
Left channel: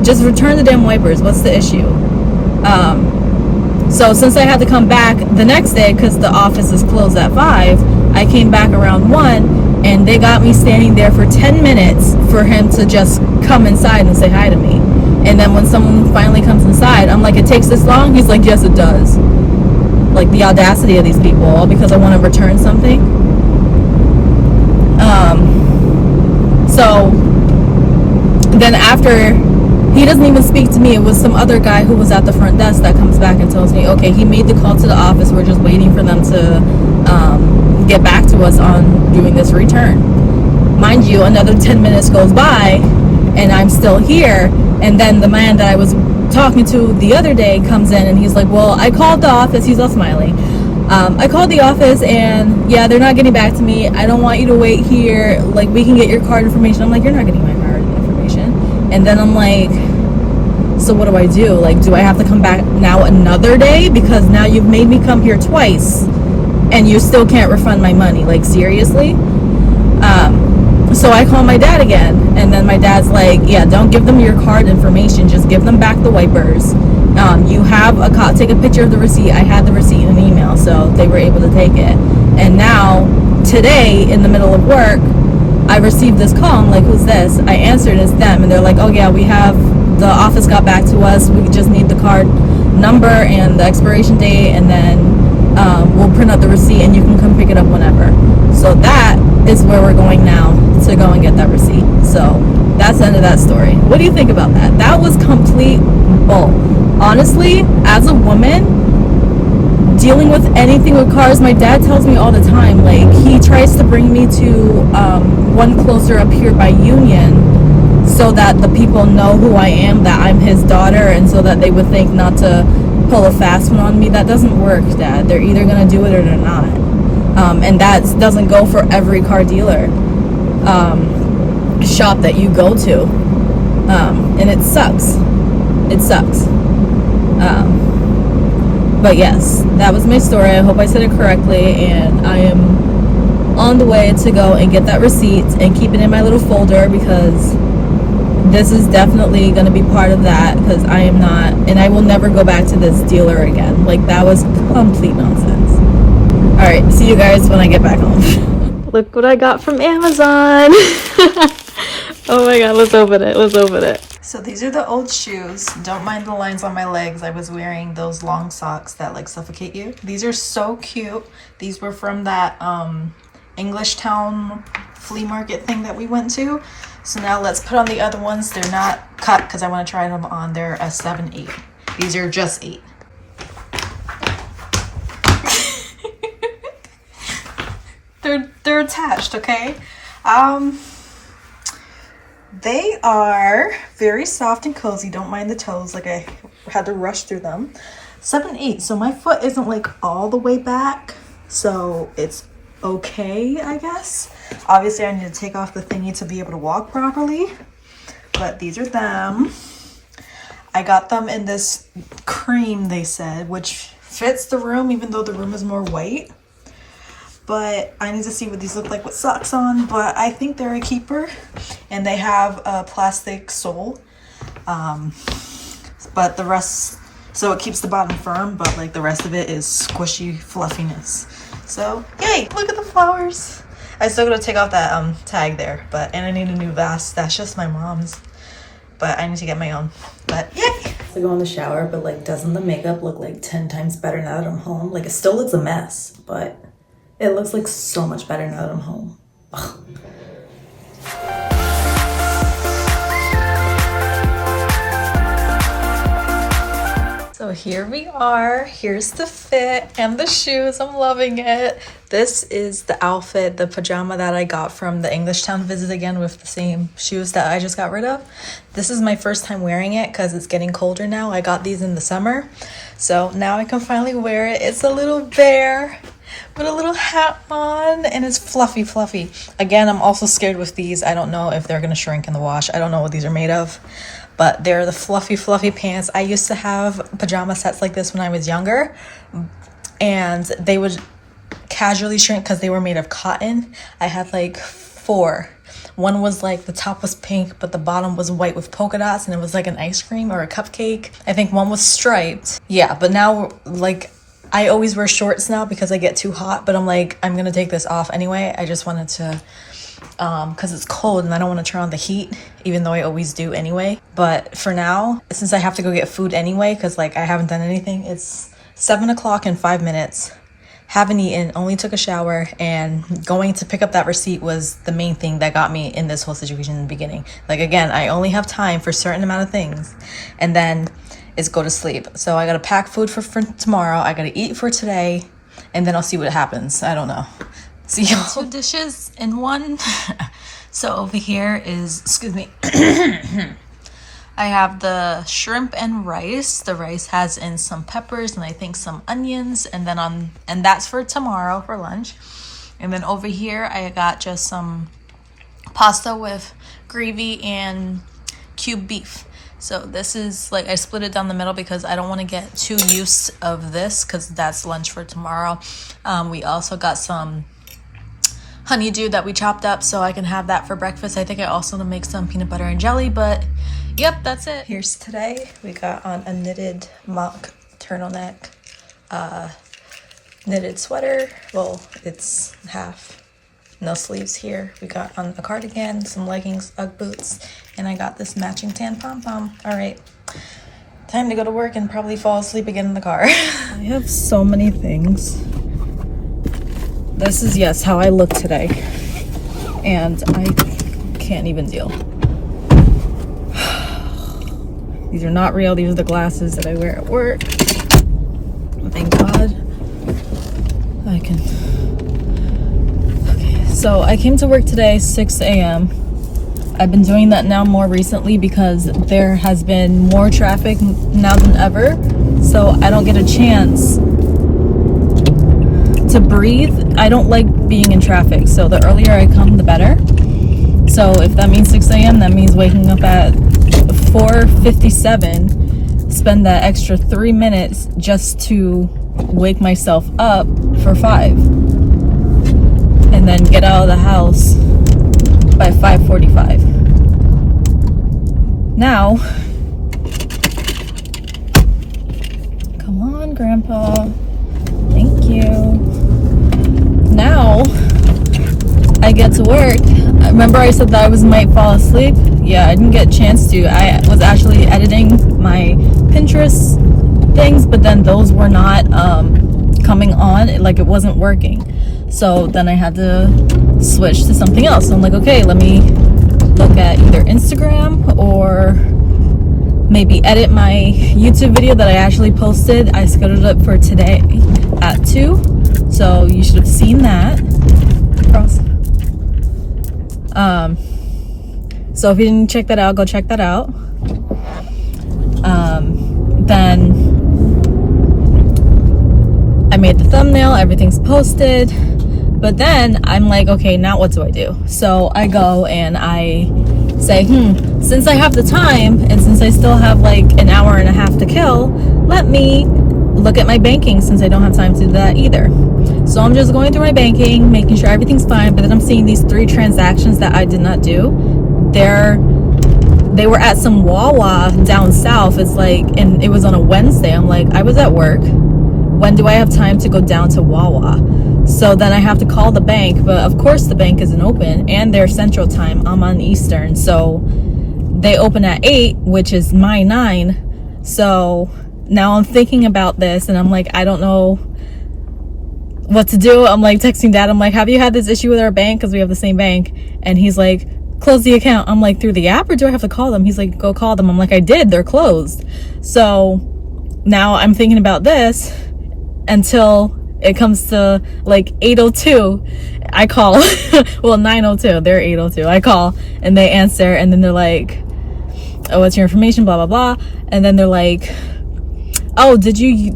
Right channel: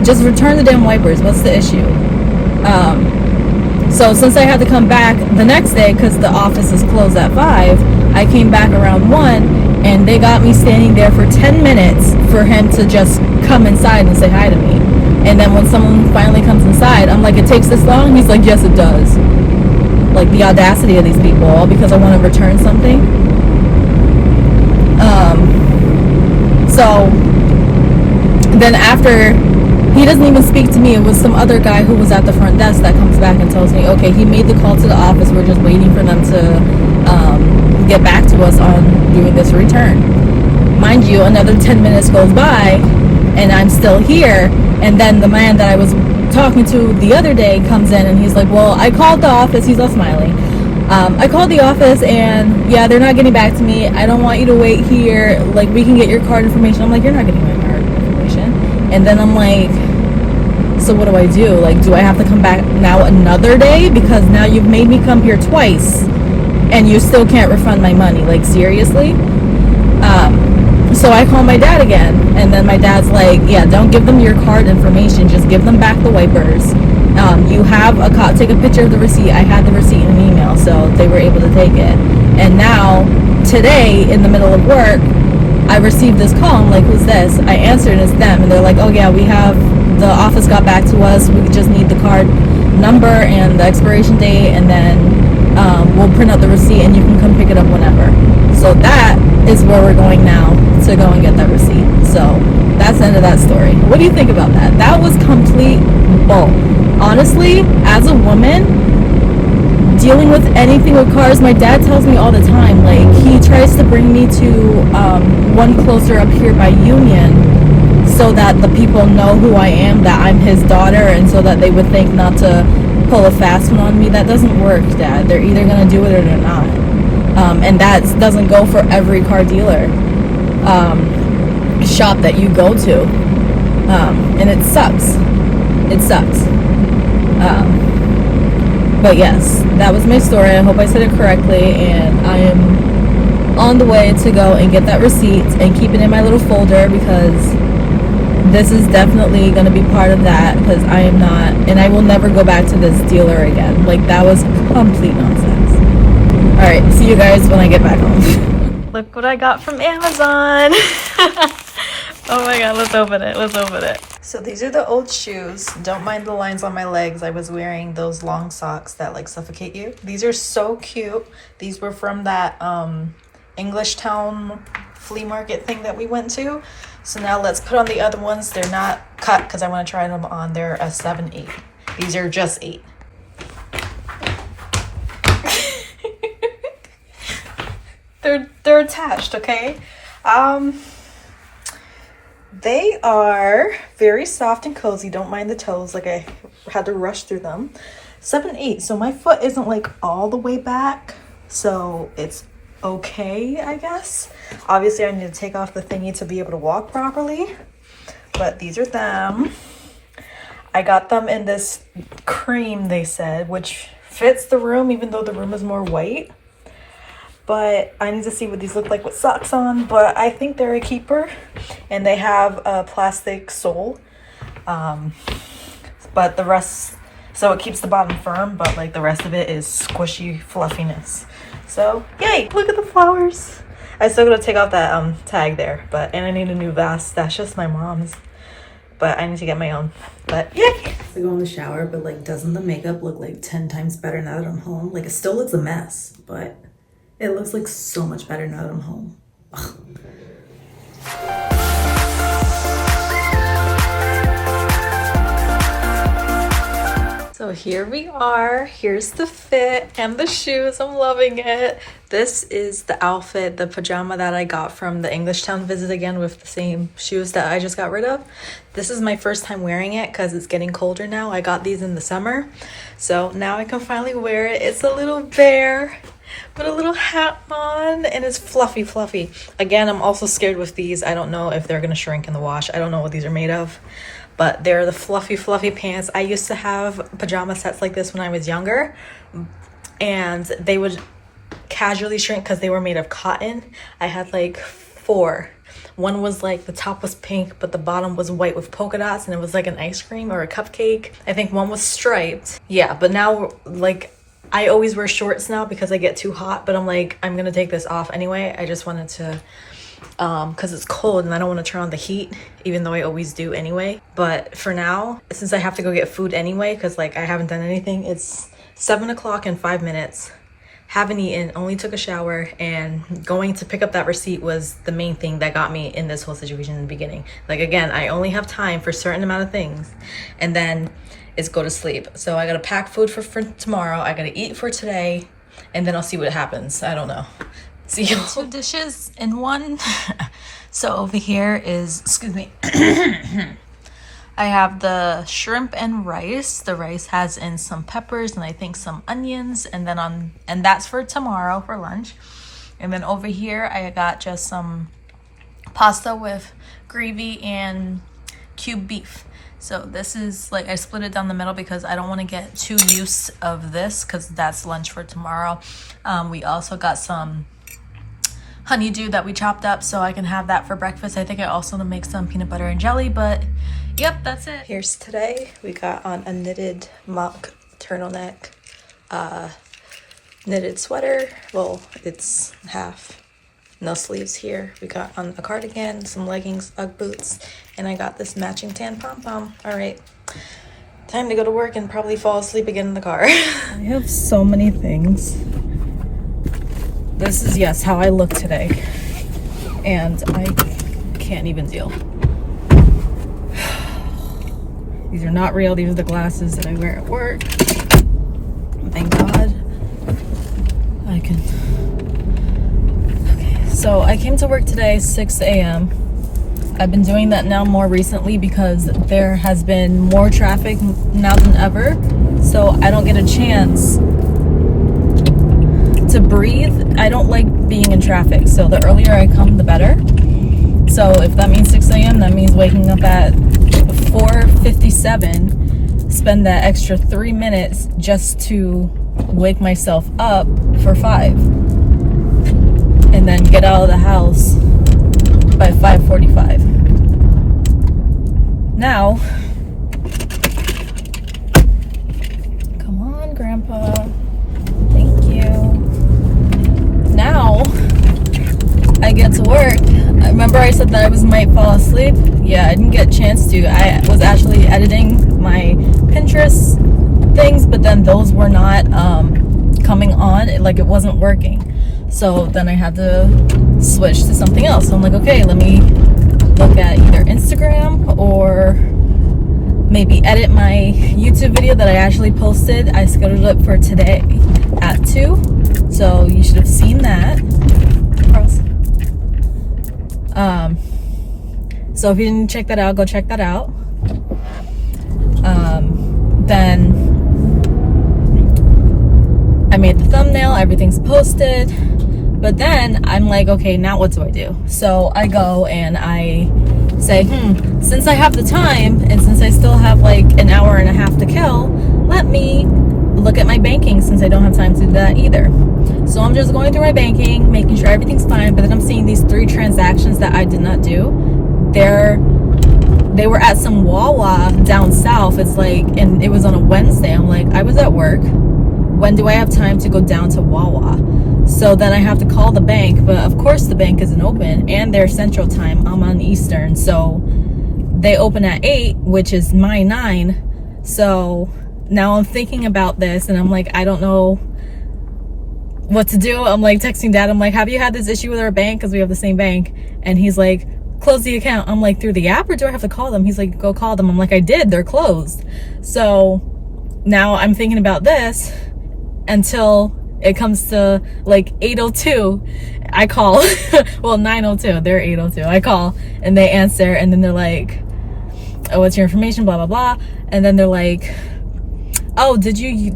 just return the damn wipers. What's the issue? So since I had to come back the next day because the office is closed at 5, I came back around 1, and they got me standing there for 10 minutes for him to just come inside and say hi to me. And then when someone finally comes inside, I'm like, it takes this long? He's like, yes, it does. Like, the audacity of these people, all because I want to return something. So then after, he doesn't even speak to me. It was some other guy who was at the front desk that comes back and tells me, okay, he made the call to the office. We're just waiting for them to get back to us on doing this return. Mind you, another 10 minutes goes by and I'm still here. And then the man that I was talking to the other day comes in and he's like, well, I called the office. He's all smiley. I called the office and yeah, they're not getting back to me. I don't want you to wait here. Like, we can get your card information. I'm like, you're not getting my card information. And then I'm like, so what do I do? Like, do I have to come back now another day? Because now you've made me come here twice and you still can't refund my money. Like, seriously? So I call my dad again, and then my dad's like, yeah, don't give them your card information, just give them back the wipers. You have take a picture of the receipt. I had the receipt in an email, so they were able to take it. And now today in the middle of work, I received this call. I'm like, who's this? I answered, and it's them, and they're like, oh yeah, the office got back to us, we just need the card number and the expiration date, and then we'll print out the receipt and you can come pick it up whenever. So that is where we're going now, to go and get that receipt. So that's the end of that story. What do you think about that? That was complete bull. Honestly, as a woman dealing with anything with cars, my dad tells me all the time, like, he tries to bring me to one closer up here by Union so that the people know who I am, that I'm his daughter, and so that they would think not to pull a fast one on me. That doesn't work, Dad. They're either going to do it or they're not. And that doesn't go for every car dealer shop that you go to. And it sucks. It sucks. But yes, that was my story. I hope I said it correctly, and I am on the way to go and get that receipt and keep it in my little folder, because this is definitely going to be part of that, because I am not, and I will never go back to this dealer again. Like, that was complete nonsense. Alright, see you guys when I get back home. Look what I got from Amazon. Oh my god, let's open it. Let's open it. So these are the old shoes. Don't mind the lines on my legs. I was wearing those long socks that like suffocate you. These are so cute. These were from that English Town flea market thing that we went to. So now let's put on the other ones. They're not cut because I want to try them on. They're a 7/8. These are just 8. They're attached, okay? They are very soft and cozy. Don't mind the toes, like I had to rush through them. 7/8, so my foot isn't like all the way back, so it's okay, I guess. Obviously I need to take off the thingy to be able to walk properly, but these are them. I got them in this cream, they said, which fits the room even though the room is more white. But I need to see what these look like with socks on, but I think they're a keeper. And they have a plastic sole. But the rest, so it keeps the bottom firm, but like the rest of it is squishy fluffiness. So, yay, look at the flowers. I still gotta take off that tag there, and I need a new vest. That's just my mom's. But I need to get my own. But yay! I go in the shower, but like, doesn't the makeup look like 10 times better now that I'm home? Like, it still looks a mess, but it looks like so much better now that I'm home. Ugh. So here we are. Here's the fit and the shoes. I'm loving it. This is the outfit, the pajama that I got from the Englishtown visit again with the same shoes that I just got rid of. This is my first time wearing it because it's getting colder now. I got these in the summer. So now I can finally wear it. It's a little bear with a little hat on and it's fluffy. Again, I'm also scared with these. I don't know if they're going to shrink in the wash. I don't know what these are made of. But they're the fluffy pants. I used to have pajama sets like this when I was younger, and they would casually shrink because they were made of cotton. I had like 4. One was like the top was pink, but the bottom was white with polka dots, and it was like an ice cream or a cupcake. I think one was striped. Yeah, but now like I always wear shorts now because I get too hot, but I'm like, I'm gonna take this off anyway. I just wanted to because it's cold and I don't want to turn on the heat, even though I always do anyway. But for now, since I have to go get food anyway, because like I haven't done anything, it's 7 o'clock in 5 minutes. Haven't eaten, only took a shower, and going to pick up that receipt was the main thing that got me in this whole situation in the beginning. Like again, I only have time for a certain amount of things, and then it's go to sleep. So I gotta pack food for tomorrow, I gotta eat for today, and then I'll see what happens. I don't know. See you. 2 dishes in one. So over here is, excuse me, I have the shrimp and rice. The rice has in some peppers and I think some onions, and then and that's for tomorrow for lunch. And then over here I got just some pasta with gravy and cubed beef. So this is like, I split it down the middle because I don't want to get too used of this because that's lunch for tomorrow. We also got some honeydew that we chopped up so I can have that for breakfast. I think I also make some peanut butter and jelly, but yep, that's it. Here's today. We got on a knitted mock turtleneck, knitted sweater. Well, it's half, no sleeves here. We got on a cardigan, some leggings, Ugg boots, and I got this matching tan pom-pom. All right, time to go to work and probably fall asleep again in the car. I have so many things. This is, yes, how I look today, and I can't even deal. These are not real. These are the glasses that I wear at work. Thank God. I can. Okay, so I came to work today 6 a.m. I've been doing that now more recently because there has been more traffic now than ever, so I don't get a chance to breathe. I don't like being in traffic, so the earlier I come, the better. So if that means 6 a.m., that means waking up at 4:57, spend that extra 3 minutes just to wake myself up for 5, and then get out of the house by 5:45. Now, come on, Grandpa. Thank you. Now I get to work. Remember I said that I might fall asleep? Yeah, I didn't get a chance to. I was actually editing my Pinterest things, but then those were not coming on. Like it wasn't working. So then I had to switch to something else. So I'm like, okay, let me look at either Instagram or maybe edit my YouTube video that I actually posted. I scheduled it for today at 2. So you should have seen that. So if you didn't check that out, go check that out. Then I made the thumbnail, everything's posted. But then I'm like, okay, now what do I do? So I go and I say, since I have the time and since I still have like an hour and a half to kill, let me look at my banking since I don't have time to do that either. So I'm just going through my banking, making sure everything's fine, but then I'm seeing these 3 transactions that I did not do. They were at some Wawa down south. It's like, and it was on a Wednesday. I'm like, I was at work. When do I have time to go down to Wawa? So then I have to call the bank, but of course the bank isn't open, and they're Central Time. I'm on Eastern, so they open at 8, which is my 9. So now I'm thinking about this, and I'm like, I don't know what to do. I'm like texting Dad. I'm like, have you had this issue with our bank? Because we have the same bank. And he's like, close the account. I'm like, through the app, or do I have to call them? He's like, go call them. I'm like, I did, they're closed. So now I'm thinking about this until it comes to like 8:02. I call well, 9:02, they're 8:02. I call and they answer, and then they're like, oh, what's your information, blah blah blah. And then they're like, oh, did you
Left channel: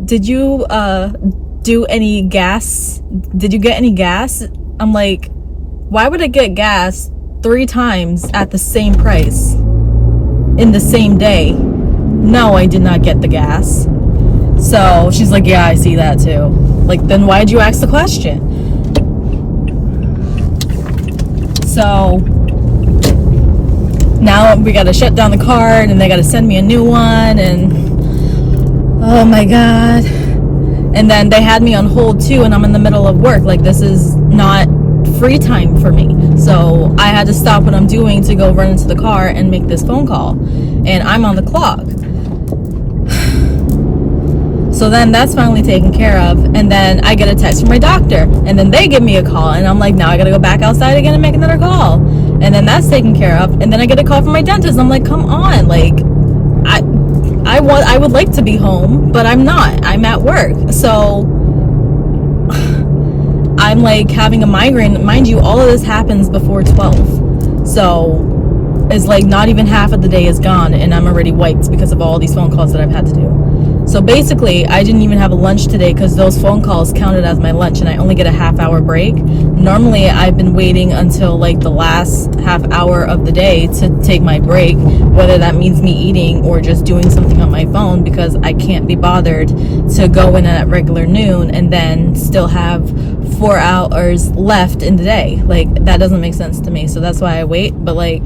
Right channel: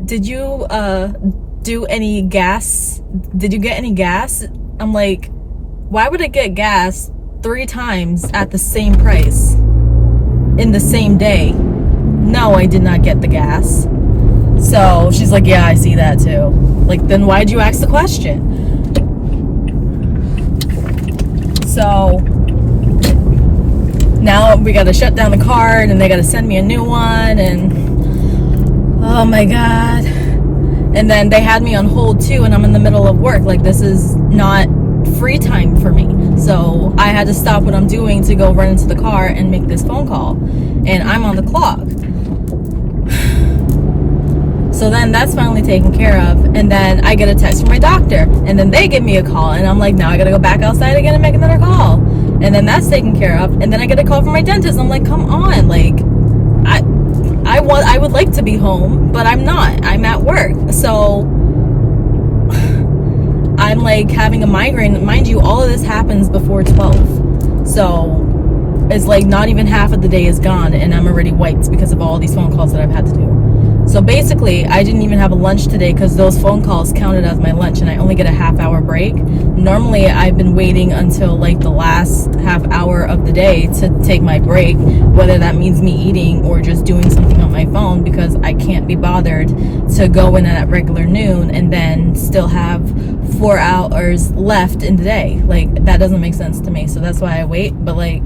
do any gas? Did you get any gas? I'm like, why would I get gas 3 times at the same price in the same day? No, I did not get the gas. So she's like, yeah, I see that too. Like, then why'd you ask the question? So now we gotta shut down the card, and they gotta send me a new one, and oh my god. And then they had me on hold too, and I'm in the middle of work. Like, this is not free time for me. So I had to stop what I'm doing to go run into the car and make this phone call, and I'm on the clock. So then that's finally taken care of, and then I get a text from my doctor, and then they give me a call, and I'm like, now I gotta go back outside again and make another call, and then that's taken care of. And then I get a call from my dentist. I'm like, come on, like, I would like to be home, but I'm not. I'm at work. So I'm like having a migraine. Mind you, all of this happens before 12. So it's like not even half of the day is gone, and I'm already wiped because of all these phone calls that I've had to do. So basically, I didn't even have a lunch today because those phone calls counted as my lunch, and I only get a half-hour break. Normally, I've been waiting until like the last half hour of the day to take my break, whether that means me eating or just doing something on my phone, because I can't be bothered to go in at regular noon and then still have 4 hours left in the day. Like, that doesn't make sense to me. So that's why I wait. But like,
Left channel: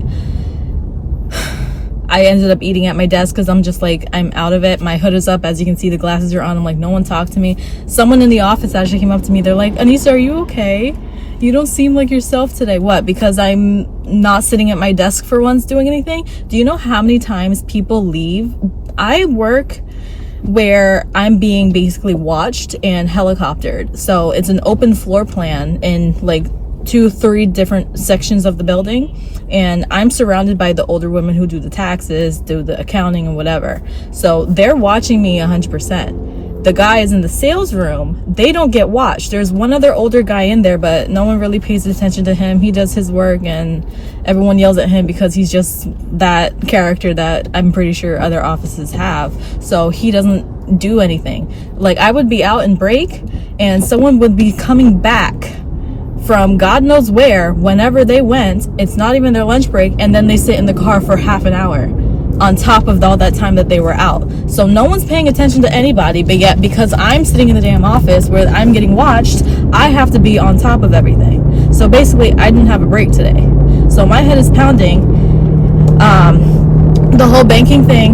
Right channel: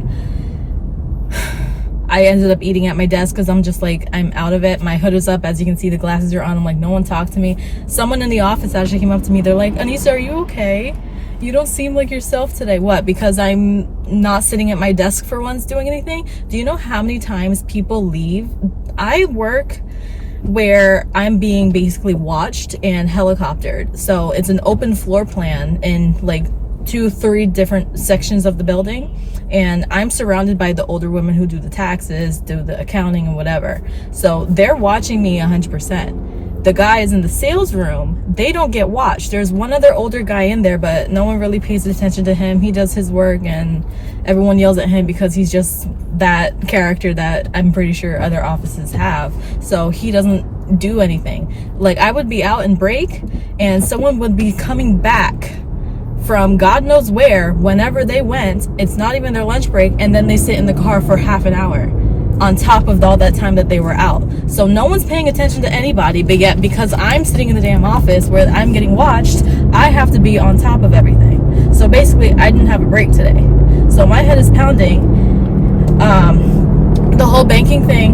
I ended up eating at my desk because I'm just like, I'm out of it. My hood is up. As you can see, the glasses are on. I'm like, no one talked to me. Someone in the office actually came up to me. They're like, Anissa, are you okay? You don't seem like yourself today. What? Because I'm not sitting at my desk for once doing anything? Do you know how many times people leave? I work where I'm being basically watched and helicoptered. So it's an open floor plan in like 2-3 different sections of the building, and I'm surrounded by the older women who do the taxes, do the accounting and whatever. So they're watching me 100%. The guys in the sales room, they don't get watched. There's one other older guy in there, but no one really pays attention to him. He does his work and everyone yells at him because he's just that character that I'm pretty sure other offices have. So he doesn't do anything. Like, I would be out in break and someone would be coming back from God knows where, whenever they went. It's not even their lunch break, and then they sit in the car for half an hour on top of all that time that they were out. So no one's paying attention to anybody, but yet because I'm sitting in the damn office where I'm getting watched, I have to be on top of everything. So basically, I didn't have a break today. So my head is pounding. The whole banking thing,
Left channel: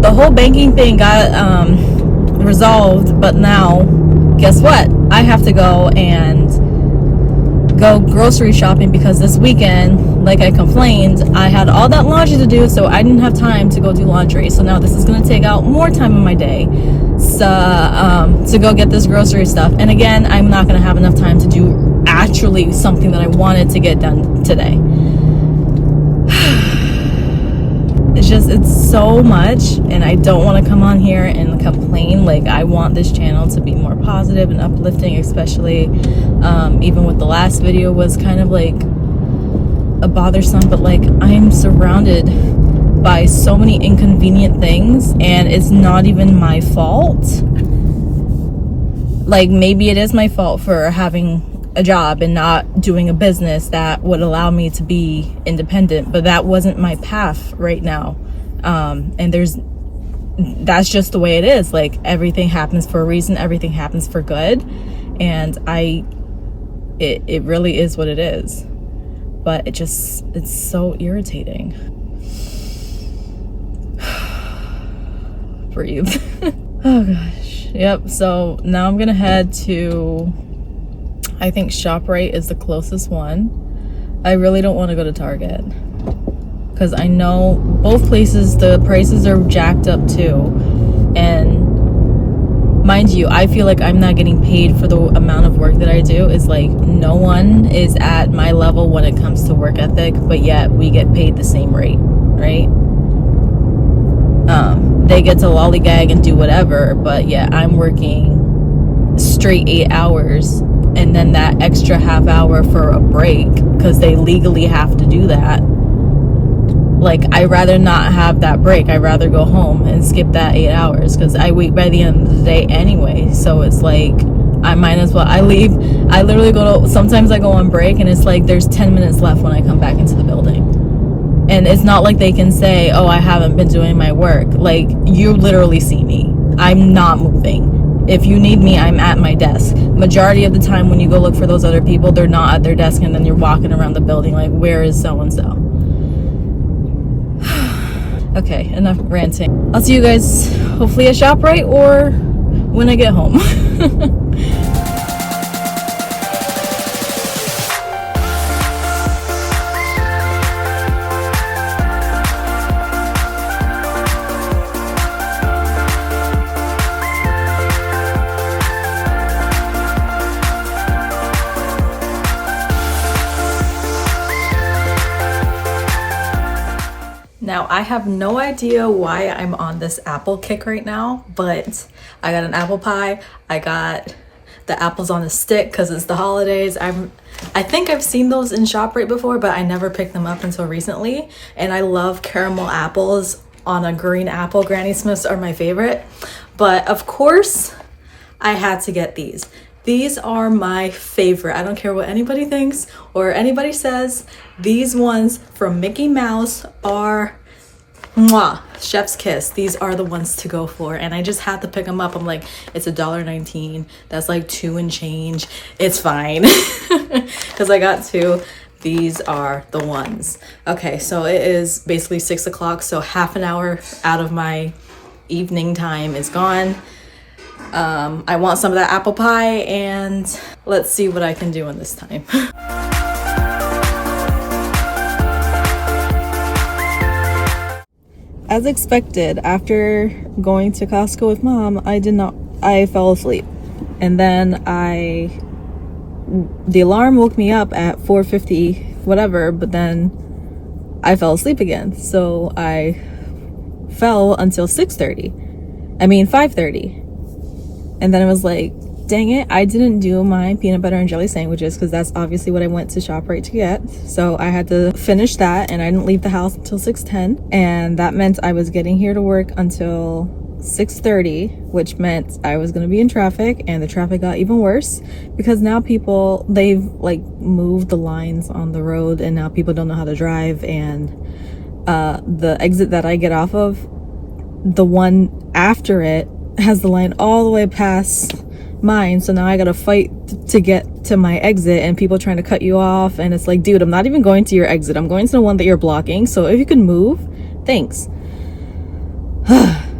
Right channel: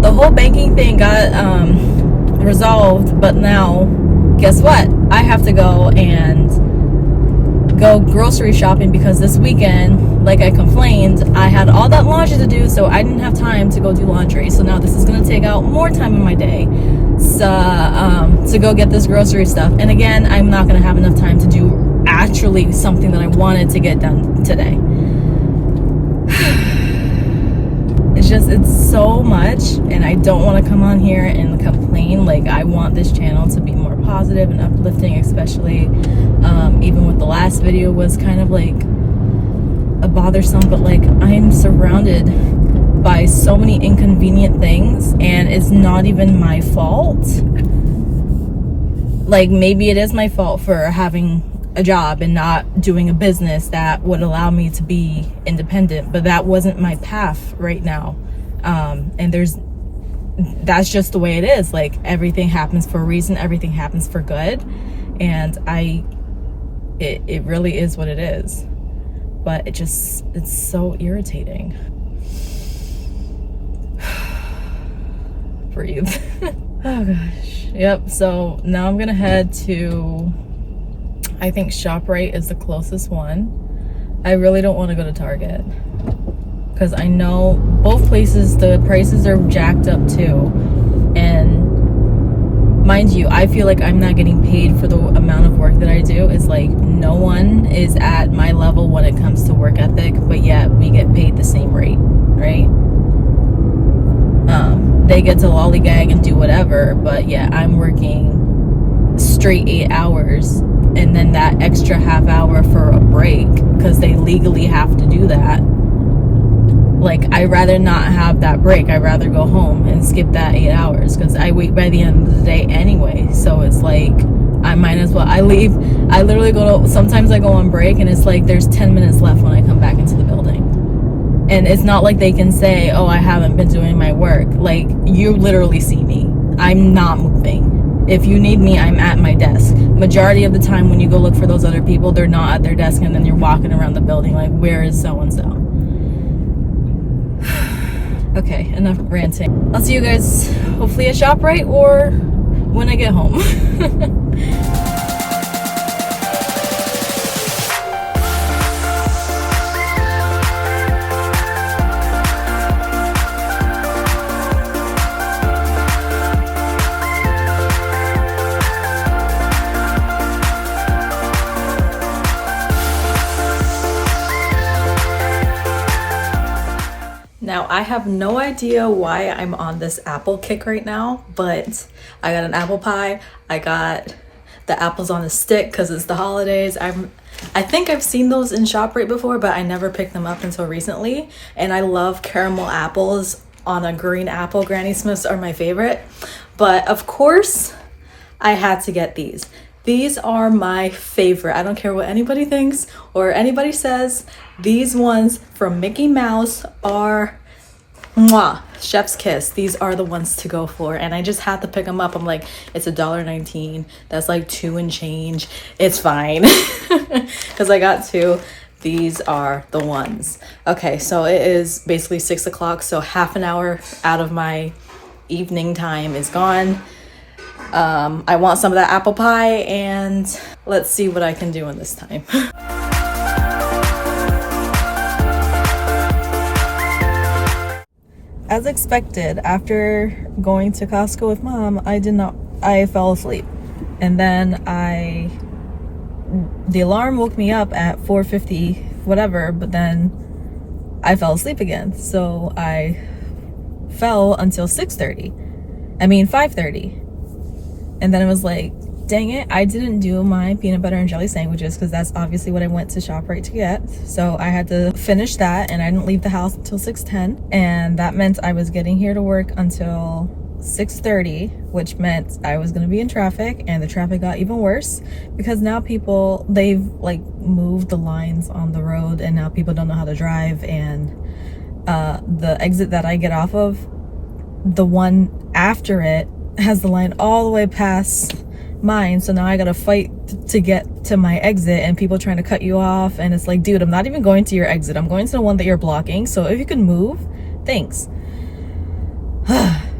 the whole banking thing got resolved, but now guess what? I have to go grocery shopping because this weekend, like I complained, I had all that laundry to do, so I didn't have time to go do laundry. So now this is going to take out more time in my day to go get this grocery stuff. And again, I'm not going to have enough time to do actually something that I wanted to get done today. It's so much, and I don't want to come on here and complain. Like, I want this channel to be more positive and uplifting, especially even with the last video was kind of like a bothersome, but like, I'm surrounded by so many inconvenient things, and it's not even my fault. Like, maybe it is my fault for having a job and not doing a business that would allow me to be independent, but that wasn't my path right now. And that's just the way it is. Like, everything happens for a reason, everything happens for good, and it really is what it is. But it's so irritating. Breathe. Oh gosh. Yep, so now I'm gonna head to, I think ShopRite is the closest one. I really don't want to go to Target because I know both places the prices are jacked up too, and mind you, I feel like I'm not getting paid for the amount of work that I do. It's like no one is at my level when it comes to work ethic, but yet we get paid the same rate, right? They get to lollygag and do whatever, but yeah, I'm working straight 8 hours and then that extra half hour for a break because they legally have to do that. Like, I'd rather not have that break. I'd rather go home and skip that 8 hours because I wait by the end of the day anyway. So it's like, I might as well. I leave, I literally sometimes I go on break and it's like there's 10 minutes left when I come back into the building. And it's not like they can say, oh, I haven't been doing my work. Like, you literally see me. I'm not moving. If you need me, I'm at my desk. Majority of the time when you go look for those other people, they're not at their desk, and then you're walking around the building like, where is so-and-so? Okay, enough ranting. I'll see you guys hopefully at ShopRite or when I get home. Now, I have no idea why I'm on this apple kick right now, but I got an apple pie. I got the apples on a stick because it's the holidays. I think I've seen those in ShopRite before, but I never picked them up until recently. And I love caramel apples on a green apple. Granny Smiths are my favorite. But of course, I had to get these. These are my favorite. I don't care what anybody thinks or anybody says. These ones from Mickey Mouse are mwah, chef's kiss. These are the ones to go for, and I just had to pick them up. I'm like, it's $1.19. That's like 2 and change. It's fine because I got 2. These are the ones. Okay, so it is basically 6 o'clock, so half an hour out of my evening time is gone. I want some of that apple pie, and let's see what I can do in this time. As expected, after going to Costco with mom, I fell asleep. And then the alarm woke me up at 4:50, whatever, but then I fell asleep again. So I fell until 5:30. And then it was like, dang it, I didn't do my peanut butter and jelly sandwiches because that's obviously what I went to ShopRite to get. So I had to finish that, and I didn't leave the house until 6:10. And that meant I was getting here to work until 6:30, which meant I was going to be in traffic, and the traffic got even worse because now they've like moved the lines on the road, and now people don't know how to drive. And the exit that I get off of, the one after it has the line all the way past mine, so now I gotta fight to get to my exit, and people trying to cut you off, and it's like, dude, I'm not even going to your exit, I'm going to the one that you're blocking, so if you can move, thanks.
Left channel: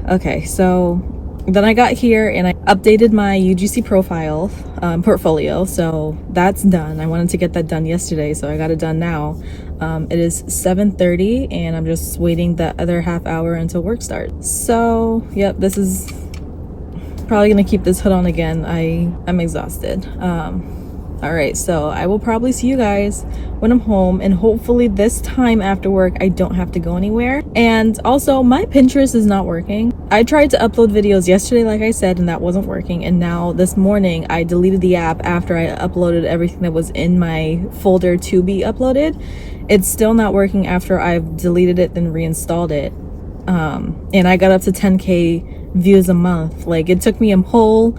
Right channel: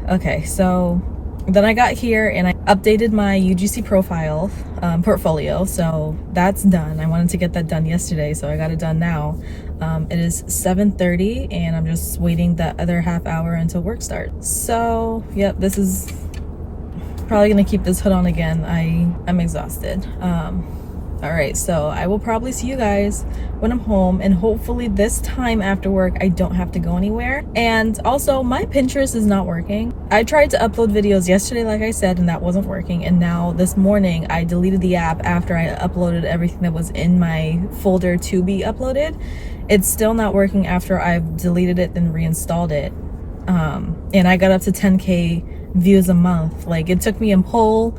Okay, so then I got here and I updated my UGC profile portfolio, so that's done. I wanted to get that done yesterday, so I got it done now. It is 7:30 and I'm just waiting that other half hour until work starts. So yep, this is probably gonna keep this hood on again. I'm exhausted. All right, so I will probably see you guys when I'm home, and hopefully this time after work I don't have to go anywhere. And also, my Pinterest is not working. I tried to upload videos yesterday, like I said, and that wasn't working. And now this morning I deleted the app after I uploaded everything that was in my folder to be uploaded. It's still not working after I've deleted it and reinstalled it. And I got up to 10K views a month. Like, it took me a whole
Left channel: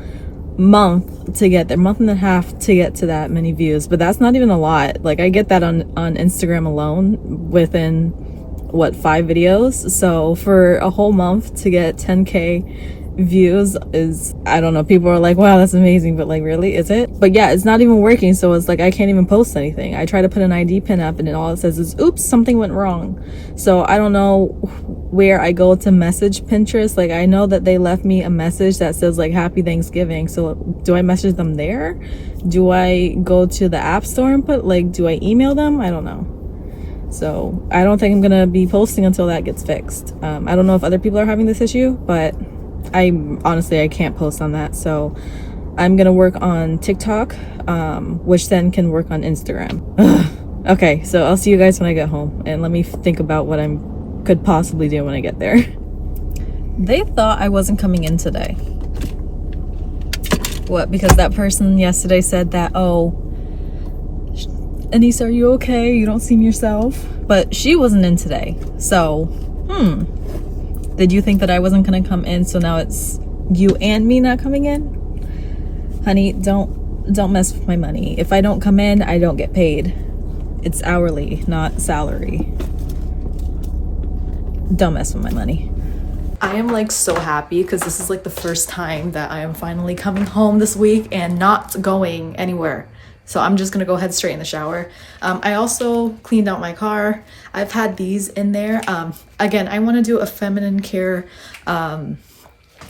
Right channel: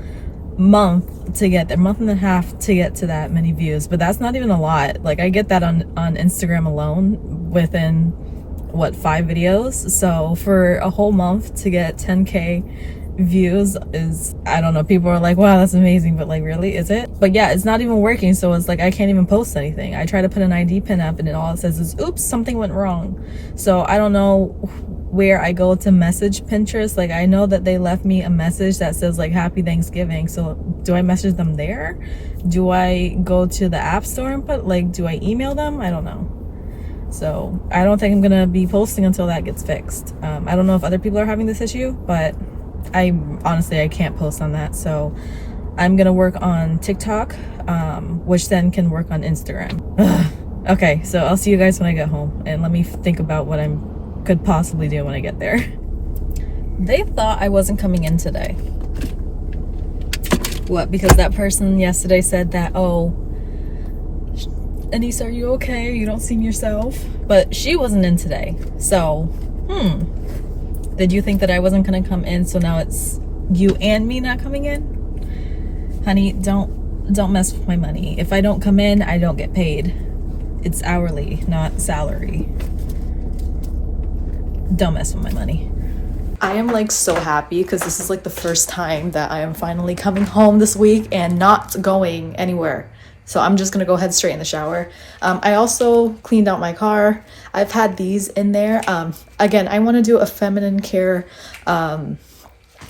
month to get there, month and a half to get to that many views, but that's not even a lot. Like, I get that on Instagram alone within what, 5 videos. So for a whole month to get 10K views is, I don't know, people are like, wow, that's amazing, but like, really, is it? But yeah, it's not even working, so it's like I can't even post anything. I try to put an ID pin up and all it says is, oops, something went wrong. So I don't know where I go to message Pinterest. Like, I know that they left me a message that says like happy Thanksgiving, so do I message them there? Do I go to the app store and put, like, do I email them? I don't know. So I don't think I'm gonna be posting until that gets fixed. I don't know if other people are having this issue, but I honestly, I can't post on that. So I'm gonna work on TikTok, which then can work on Instagram. Ugh. Okay, so I'll see you guys when I get home, and let me think about what I could possibly do when I get there. They thought I wasn't coming in today. What? Because that person yesterday said that, oh, Anissa, are you okay? You don't seem yourself. But she wasn't in today. So, did you think that I wasn't gonna come in, so now it's you and me not coming in? Honey, don't mess with my money. If I don't come in, I don't get paid. It's hourly, not salary. Don't mess with my money. I am like so happy because this is like the first time that I am finally coming home this week and not going anywhere. So I'm just gonna go head straight in the shower. I also cleaned out my car. I've had these in there. Again, I want to do a feminine care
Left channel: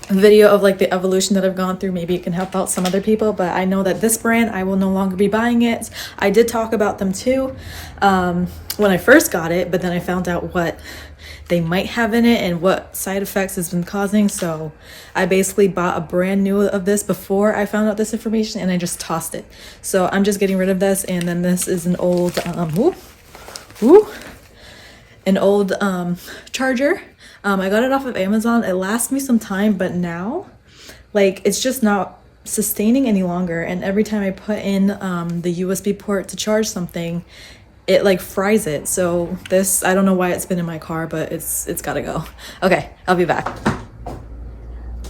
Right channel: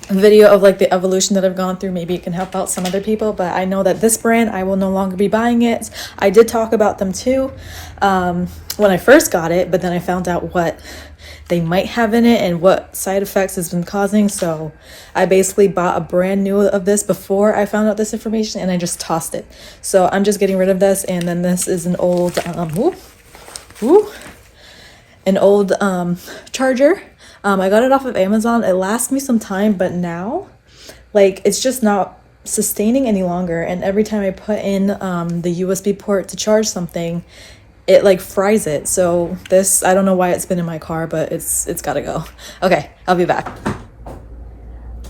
video of like the evolution that I've gone through. Maybe it can help out some other people, but I know that this brand, I will no longer be buying it. I did talk about them too when I first got it, but then I found out what they might have in it and what side effects it's been causing. So I basically bought a brand new of this before I found out this information, and I just tossed it. So I'm just getting rid of this. And then this is an old charger. I got it off of Amazon. It lasts me some time, but now like it's just not sustaining any longer. And every time I put in the USB port to charge something, it like fries it. So this, I don't know why it's been in my car, but it's gotta go. Okay, I'll be back.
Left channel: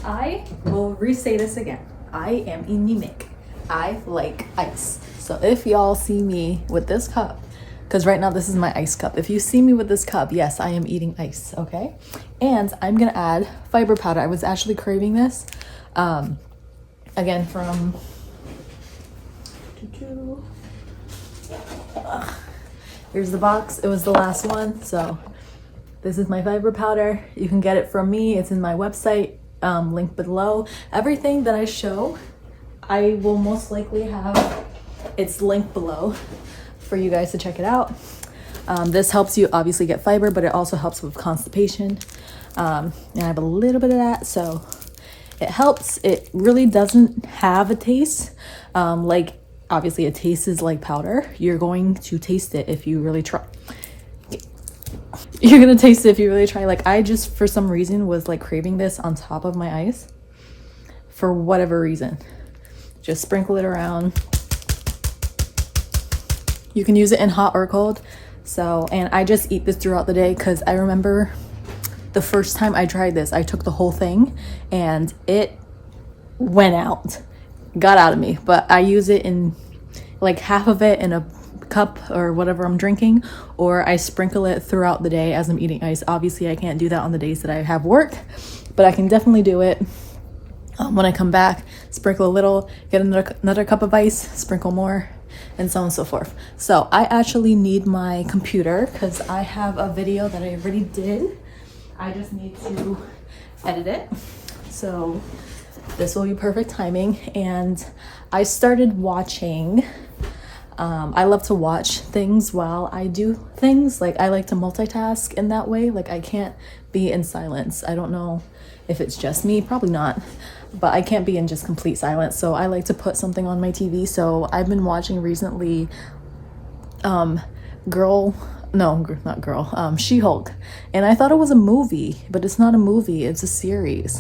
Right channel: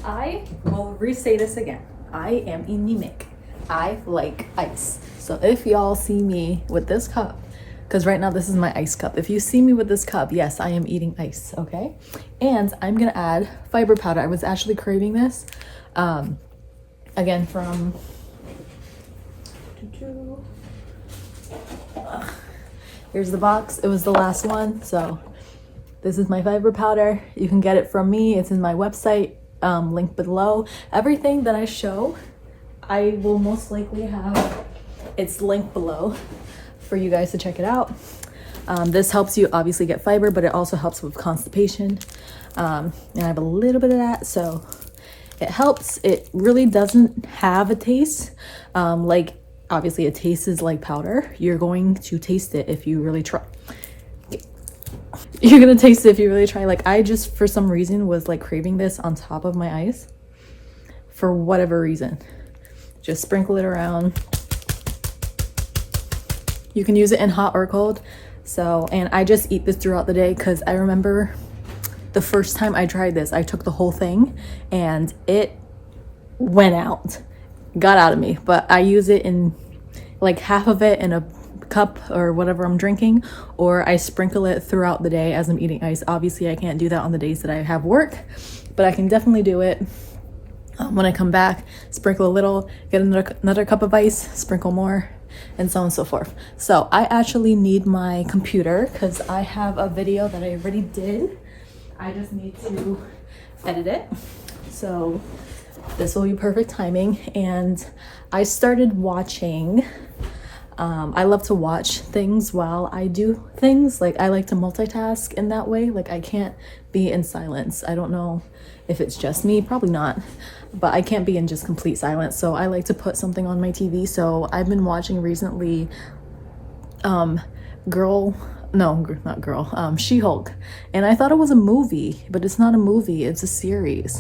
I will re-say this again. I am anemic. I like ice. So if y'all see me with this cup, because right now this is my ice cup. If you see me with this cup, yes, I am eating ice, okay? And I'm gonna add fiber powder. I was actually craving this. Again, from... Here's the box. It was the last one. So this is my fiber powder. You can get it from me. It's in my website, link below. Everything that I show, I will most likely have its link below for you guys to check it out. This helps you obviously get fiber, but it also helps with constipation. And I have a little bit of that, so it helps. It really doesn't have a taste. Like obviously a taste is like powder. You're going to taste it if you really try. You're gonna taste it if you really try. Like I just, for some reason, was like craving this on top of my ice for whatever reason. Just sprinkle it around. You can use it in hot or cold. So, and I just eat this throughout the day because I remember the first time I tried this, I took the whole thing and it went out, got out of me. But I use it in like half of it in a cup or whatever I'm drinking, or I sprinkle it throughout the day as I'm eating ice. Obviously I can't do that on the days that I have work, but I can definitely do it when I come back. Sprinkle a little, get another cup of ice, sprinkle more, and so on and so forth. So I actually need my computer because I have a video that I already did. I just need to edit it. So this will be perfect timing. And I started watching, I love to watch things while I do things. Like I like to multitask in that way. Like I can't be in silence. I don't know if it's just me, probably not, but I can't be in just complete silence. So I like to put something on my TV. So I've been watching recently She-Hulk. And I thought it was a movie, but it's not a movie, it's a series.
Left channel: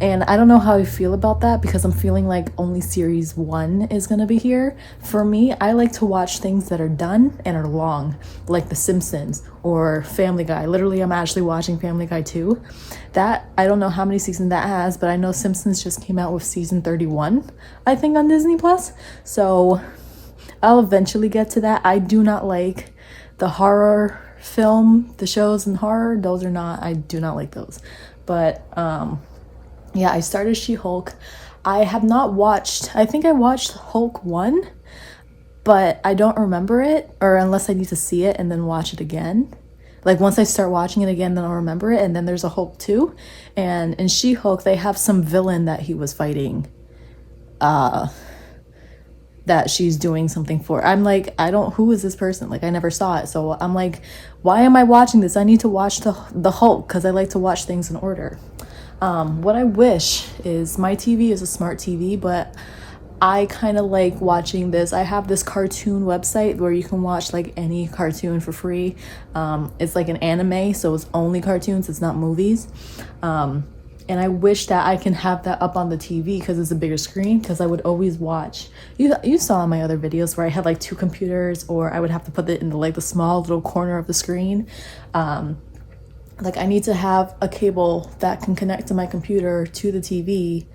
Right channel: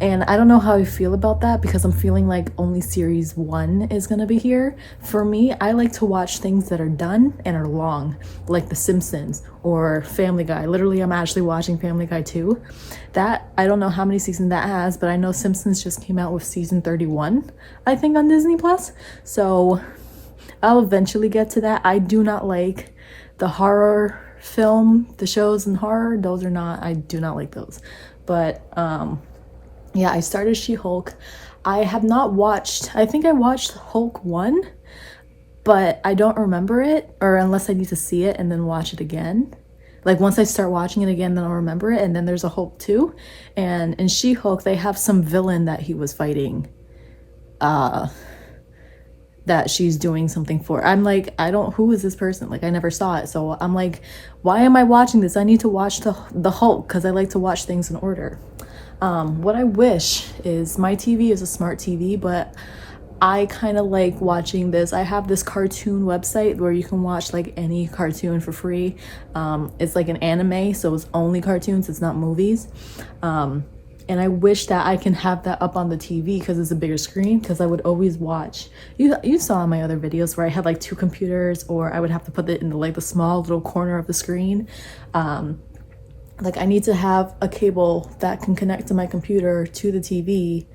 And I don't know how I feel about that because I'm feeling like only series 1 is gonna be here. For me, I like to watch things that are done and are long, like The Simpsons or Family Guy. Literally, I'm actually watching Family Guy 2. That, I don't know how many seasons that has, but I know Simpsons just came out with season 31, I think, on Disney Plus. So I'll eventually get to that. I do not like the horror film, the shows in horror. Those are not, I do not like those. But yeah, I started She-Hulk. I have not watched, I think I watched Hulk 1, but I don't remember it, or unless I need to see it and then watch it again. Like once I start watching it again, then I'll remember it. And then there's a Hulk 2. And in She-Hulk, they have some villain that he was fighting, that she's doing something for. I'm like, who is this person? Like I never saw it. So I'm like, why am I watching this? I need to watch the Hulk because I like to watch things in order. What I wish is my TV is a smart TV, but I kind of like watching this. I have this cartoon website where you can watch like any cartoon for free. It's like an anime, so it's only cartoons, it's not movies. And I wish that I can have that up on the TV because it's a bigger screen, because I would always watch. You saw in my other videos where I had like 2 computers, or I would have to put it in the small little corner of the screen. Like I need to have a cable that can connect to my computer to the TV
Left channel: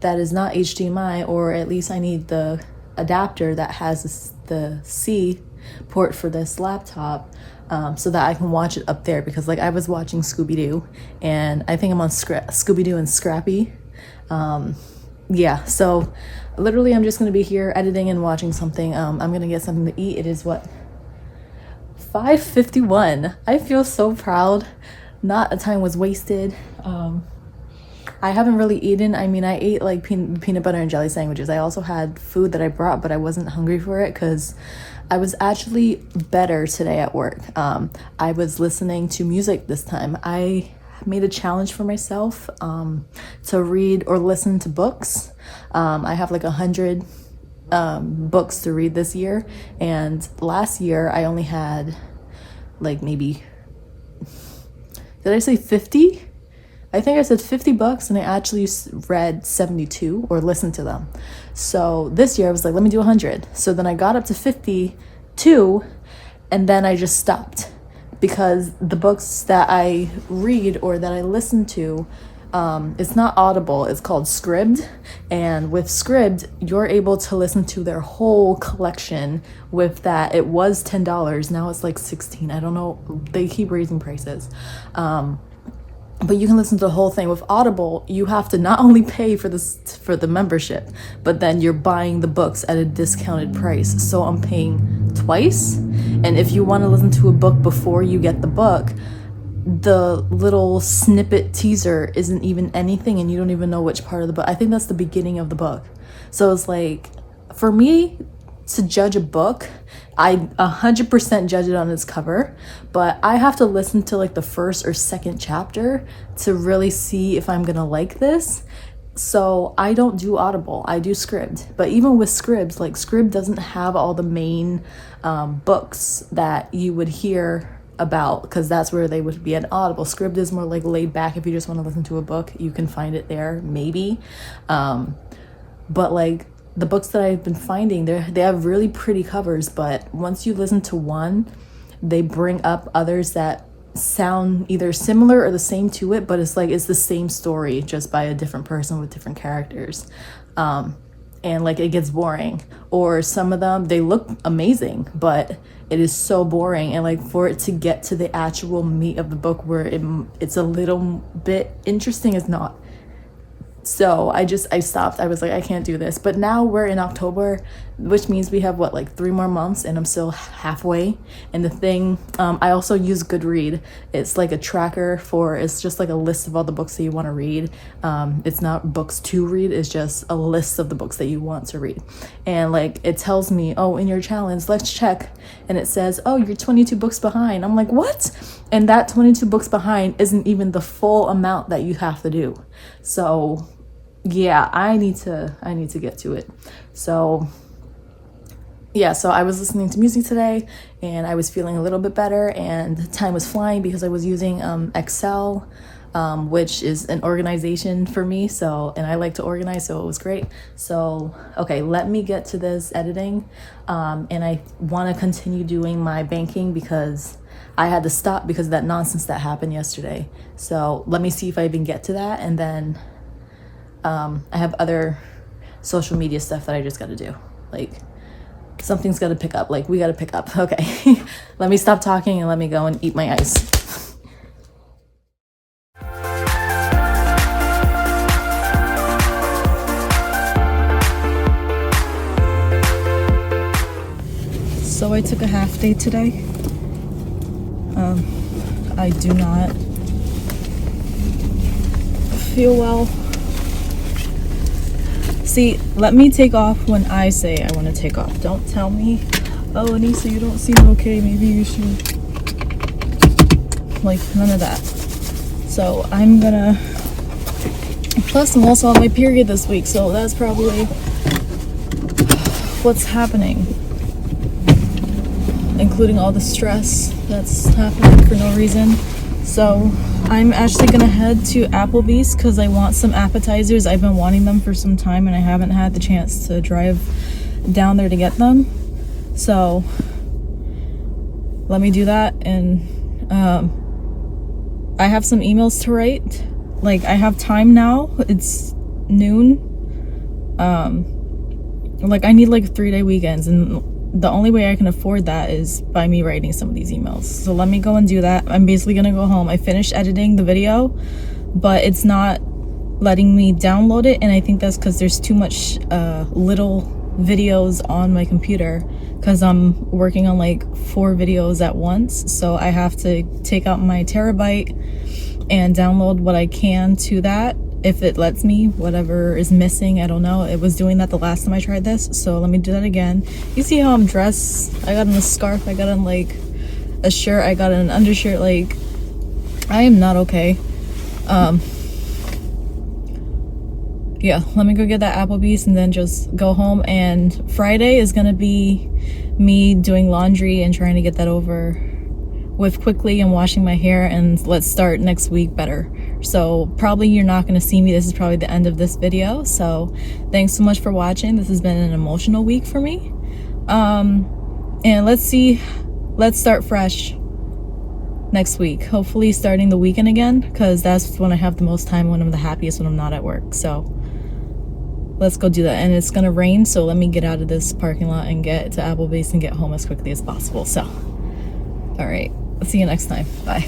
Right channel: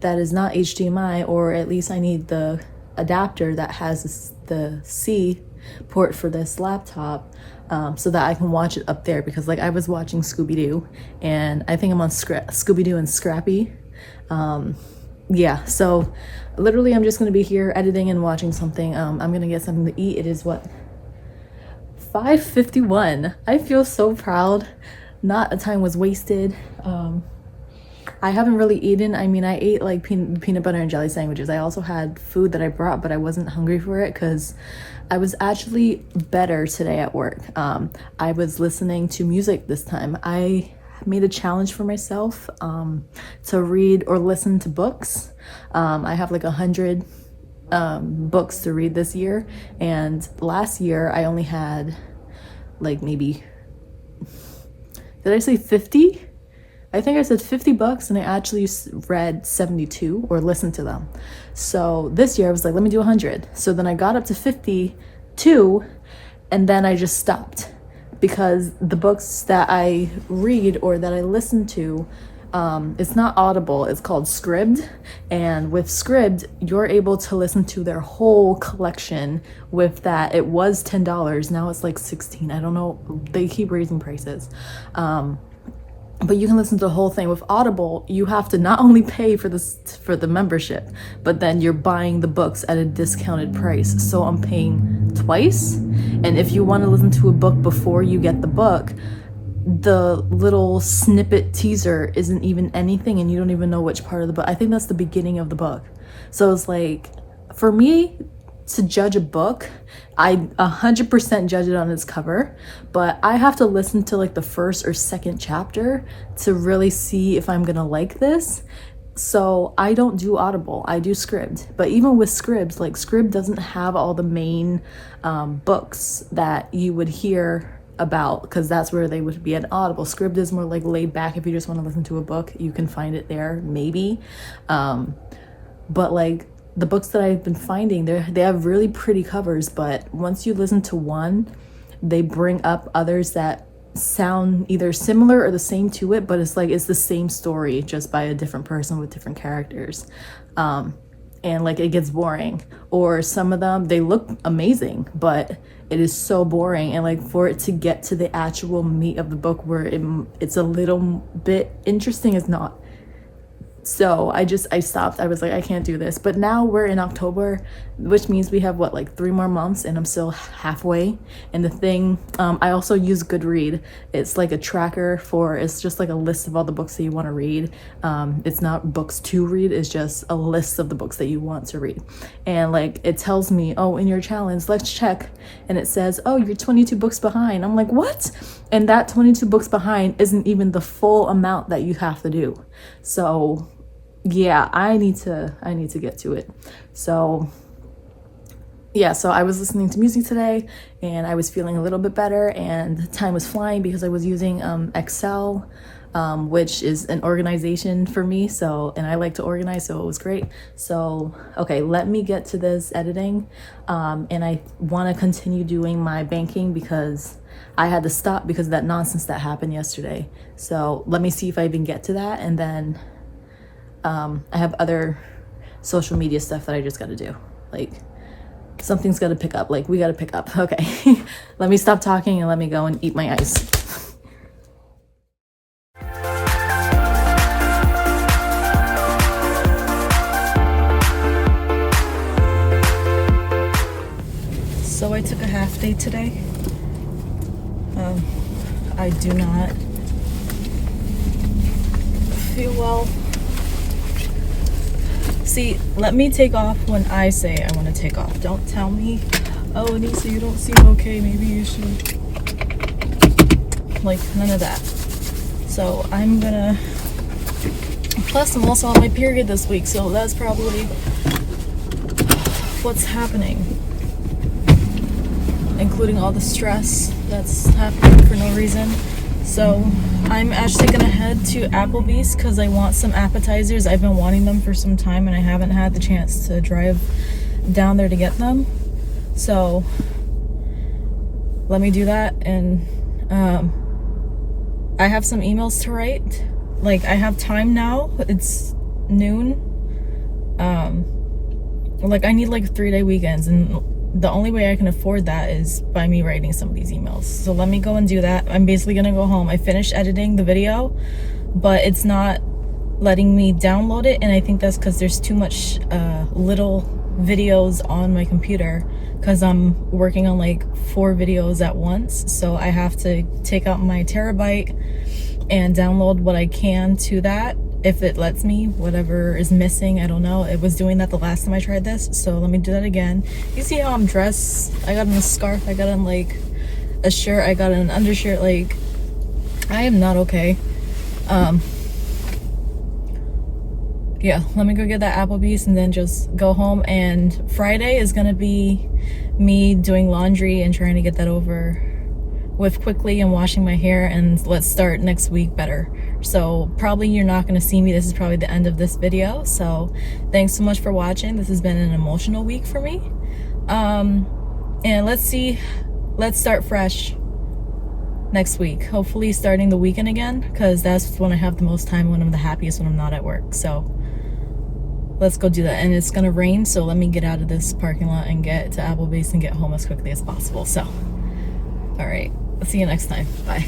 that is not HDMI, or at least I need the adapter that has the C port for this laptop, so that I can watch it up there, because like I was watching Scooby-Doo, and I think I'm on Scooby-Doo and Scrappy. Yeah, so literally I'm just gonna be here editing and watching something. I'm gonna get something to eat. It is what, 5:51. I feel so proud. Not a time was wasted. I haven't really eaten. I mean, I ate like peanut butter and jelly sandwiches. I also had food that I brought, but I wasn't hungry for it because I was actually better today at work. I was listening to music this time. I made a challenge for myself to read or listen to books. I have like 100 books to read this year, and last year I only had like maybe, did I say 50? I think I said 50 books, and I actually read 72 or listened to them. So this year I was like, let me do 100. So then I got up to 52, and then I just stopped, because the books that I read or that I listen to, it's not Audible, it's called Scribd. And with Scribd, you're able to listen to their whole collection. With that, it was $10, now it's like 16. I don't know, they keep raising prices. But you can listen to the whole thing. With Audible, you have to not only pay for the membership, but then you're buying the books at a discounted price. So I'm paying twice. And if you want to listen to a book before you get the book, the little snippet teaser isn't even anything, and you don't even know which part of the book. I think that's the beginning of the book. So it's like, for me to judge a book, I 100% judge it on its cover, but I have to listen to like the first or second chapter to really see if I'm gonna like this. So I don't do Audible, I do Scribd. But even with Scribd, like Scribd doesn't have all the main books that you would hear about, because that's where they would be at Audible. Scribd is more like laid back. If you just want to listen to a book, you can find it there, maybe. But like the books that I've been finding, they have really pretty covers, but once you listen to one, they bring up others that sound either similar or the same to it, but it's like it's the same story just by a different person with different characters. And like it gets boring. Or some of them, they look amazing, but it is so boring. And like for it to get to the actual meat of the book where it's a little bit interesting, is not. So I stopped. I was like, I can't do this. But now we're in October, which means we have what, like 3 more months, and I'm still halfway. And the thing, I also use Goodread. It's like a tracker it's just like a list of all the books that you want to read. It's not books to read, it's just a list of the books that you want to read. And like it tells me, oh, in your challenge, let's check. And it says, oh, you're 22 books behind. I'm like, what? And that 22 books behind isn't even the full amount that you have to do. So yeah, I need to get to it. So yeah, so I was listening to music today, and I was feeling a little bit better, and time was flying because I was using Excel, which is an organization for me. So, and I like to organize, so it was great. So, okay, let me get to this editing. And I want to continue doing my banking because I had to stop because of that nonsense that happened yesterday. So let me see if I even get to that. And then I have other social media stuff that I just got to do. Like something's got to pick up. Like we got to pick up. Okay, let me stop talking and let me go and eat my ice. So I took a half day today. I do not feel well. See, let me take off when I say I want to take off. Don't tell me, oh, Anissa, you don't seem okay, maybe you should. Like, none of that. So I'm gonna Plus, I'm also on my period this week, so that's probably what's happening, including all the stress that's happening for no reason. So I'm actually gonna head to Applebee's because I want some appetizers. I've been wanting them for some time and I haven't had the chance to drive down there to get them. So let me do that. And I have some emails to write. Like, I have time now. It's noon. Like, I need like 3-day weekends, and the only way I can afford that is by me writing some of these emails. So let me go and do that. I'm basically gonna go home. I finished editing the video, but it's not letting me download it, and I think that's because there's too much little videos on my computer, because I'm working on like 4 videos at once. So I have to take out my terabyte and download what I can to that, if it lets me. Whatever is missing, I don't know. It was doing that the last time I tried this, so let me do that again. You see how I'm dressed? I got on a scarf, I got on like a shirt, I got on an undershirt. Like, I am not okay. Yeah, let me go get that Applebee's and then just go home. And Friday is gonna be me doing laundry and trying to get that over with quickly and washing my hair, and let's start next week better. So probably you're not going to see me. This is probably the end of this video. So thanks so much for watching. This has been an emotional week for me. And let's start fresh next week. Hopefully starting the weekend again, because that's when I have the most time, when I'm the happiest, when I'm not at work. So let's go do that. And it's going to rain, so let me get out of this parking lot and get to Applebee's and get home as quickly as possible. So, all right. I'll see you next time. Bye.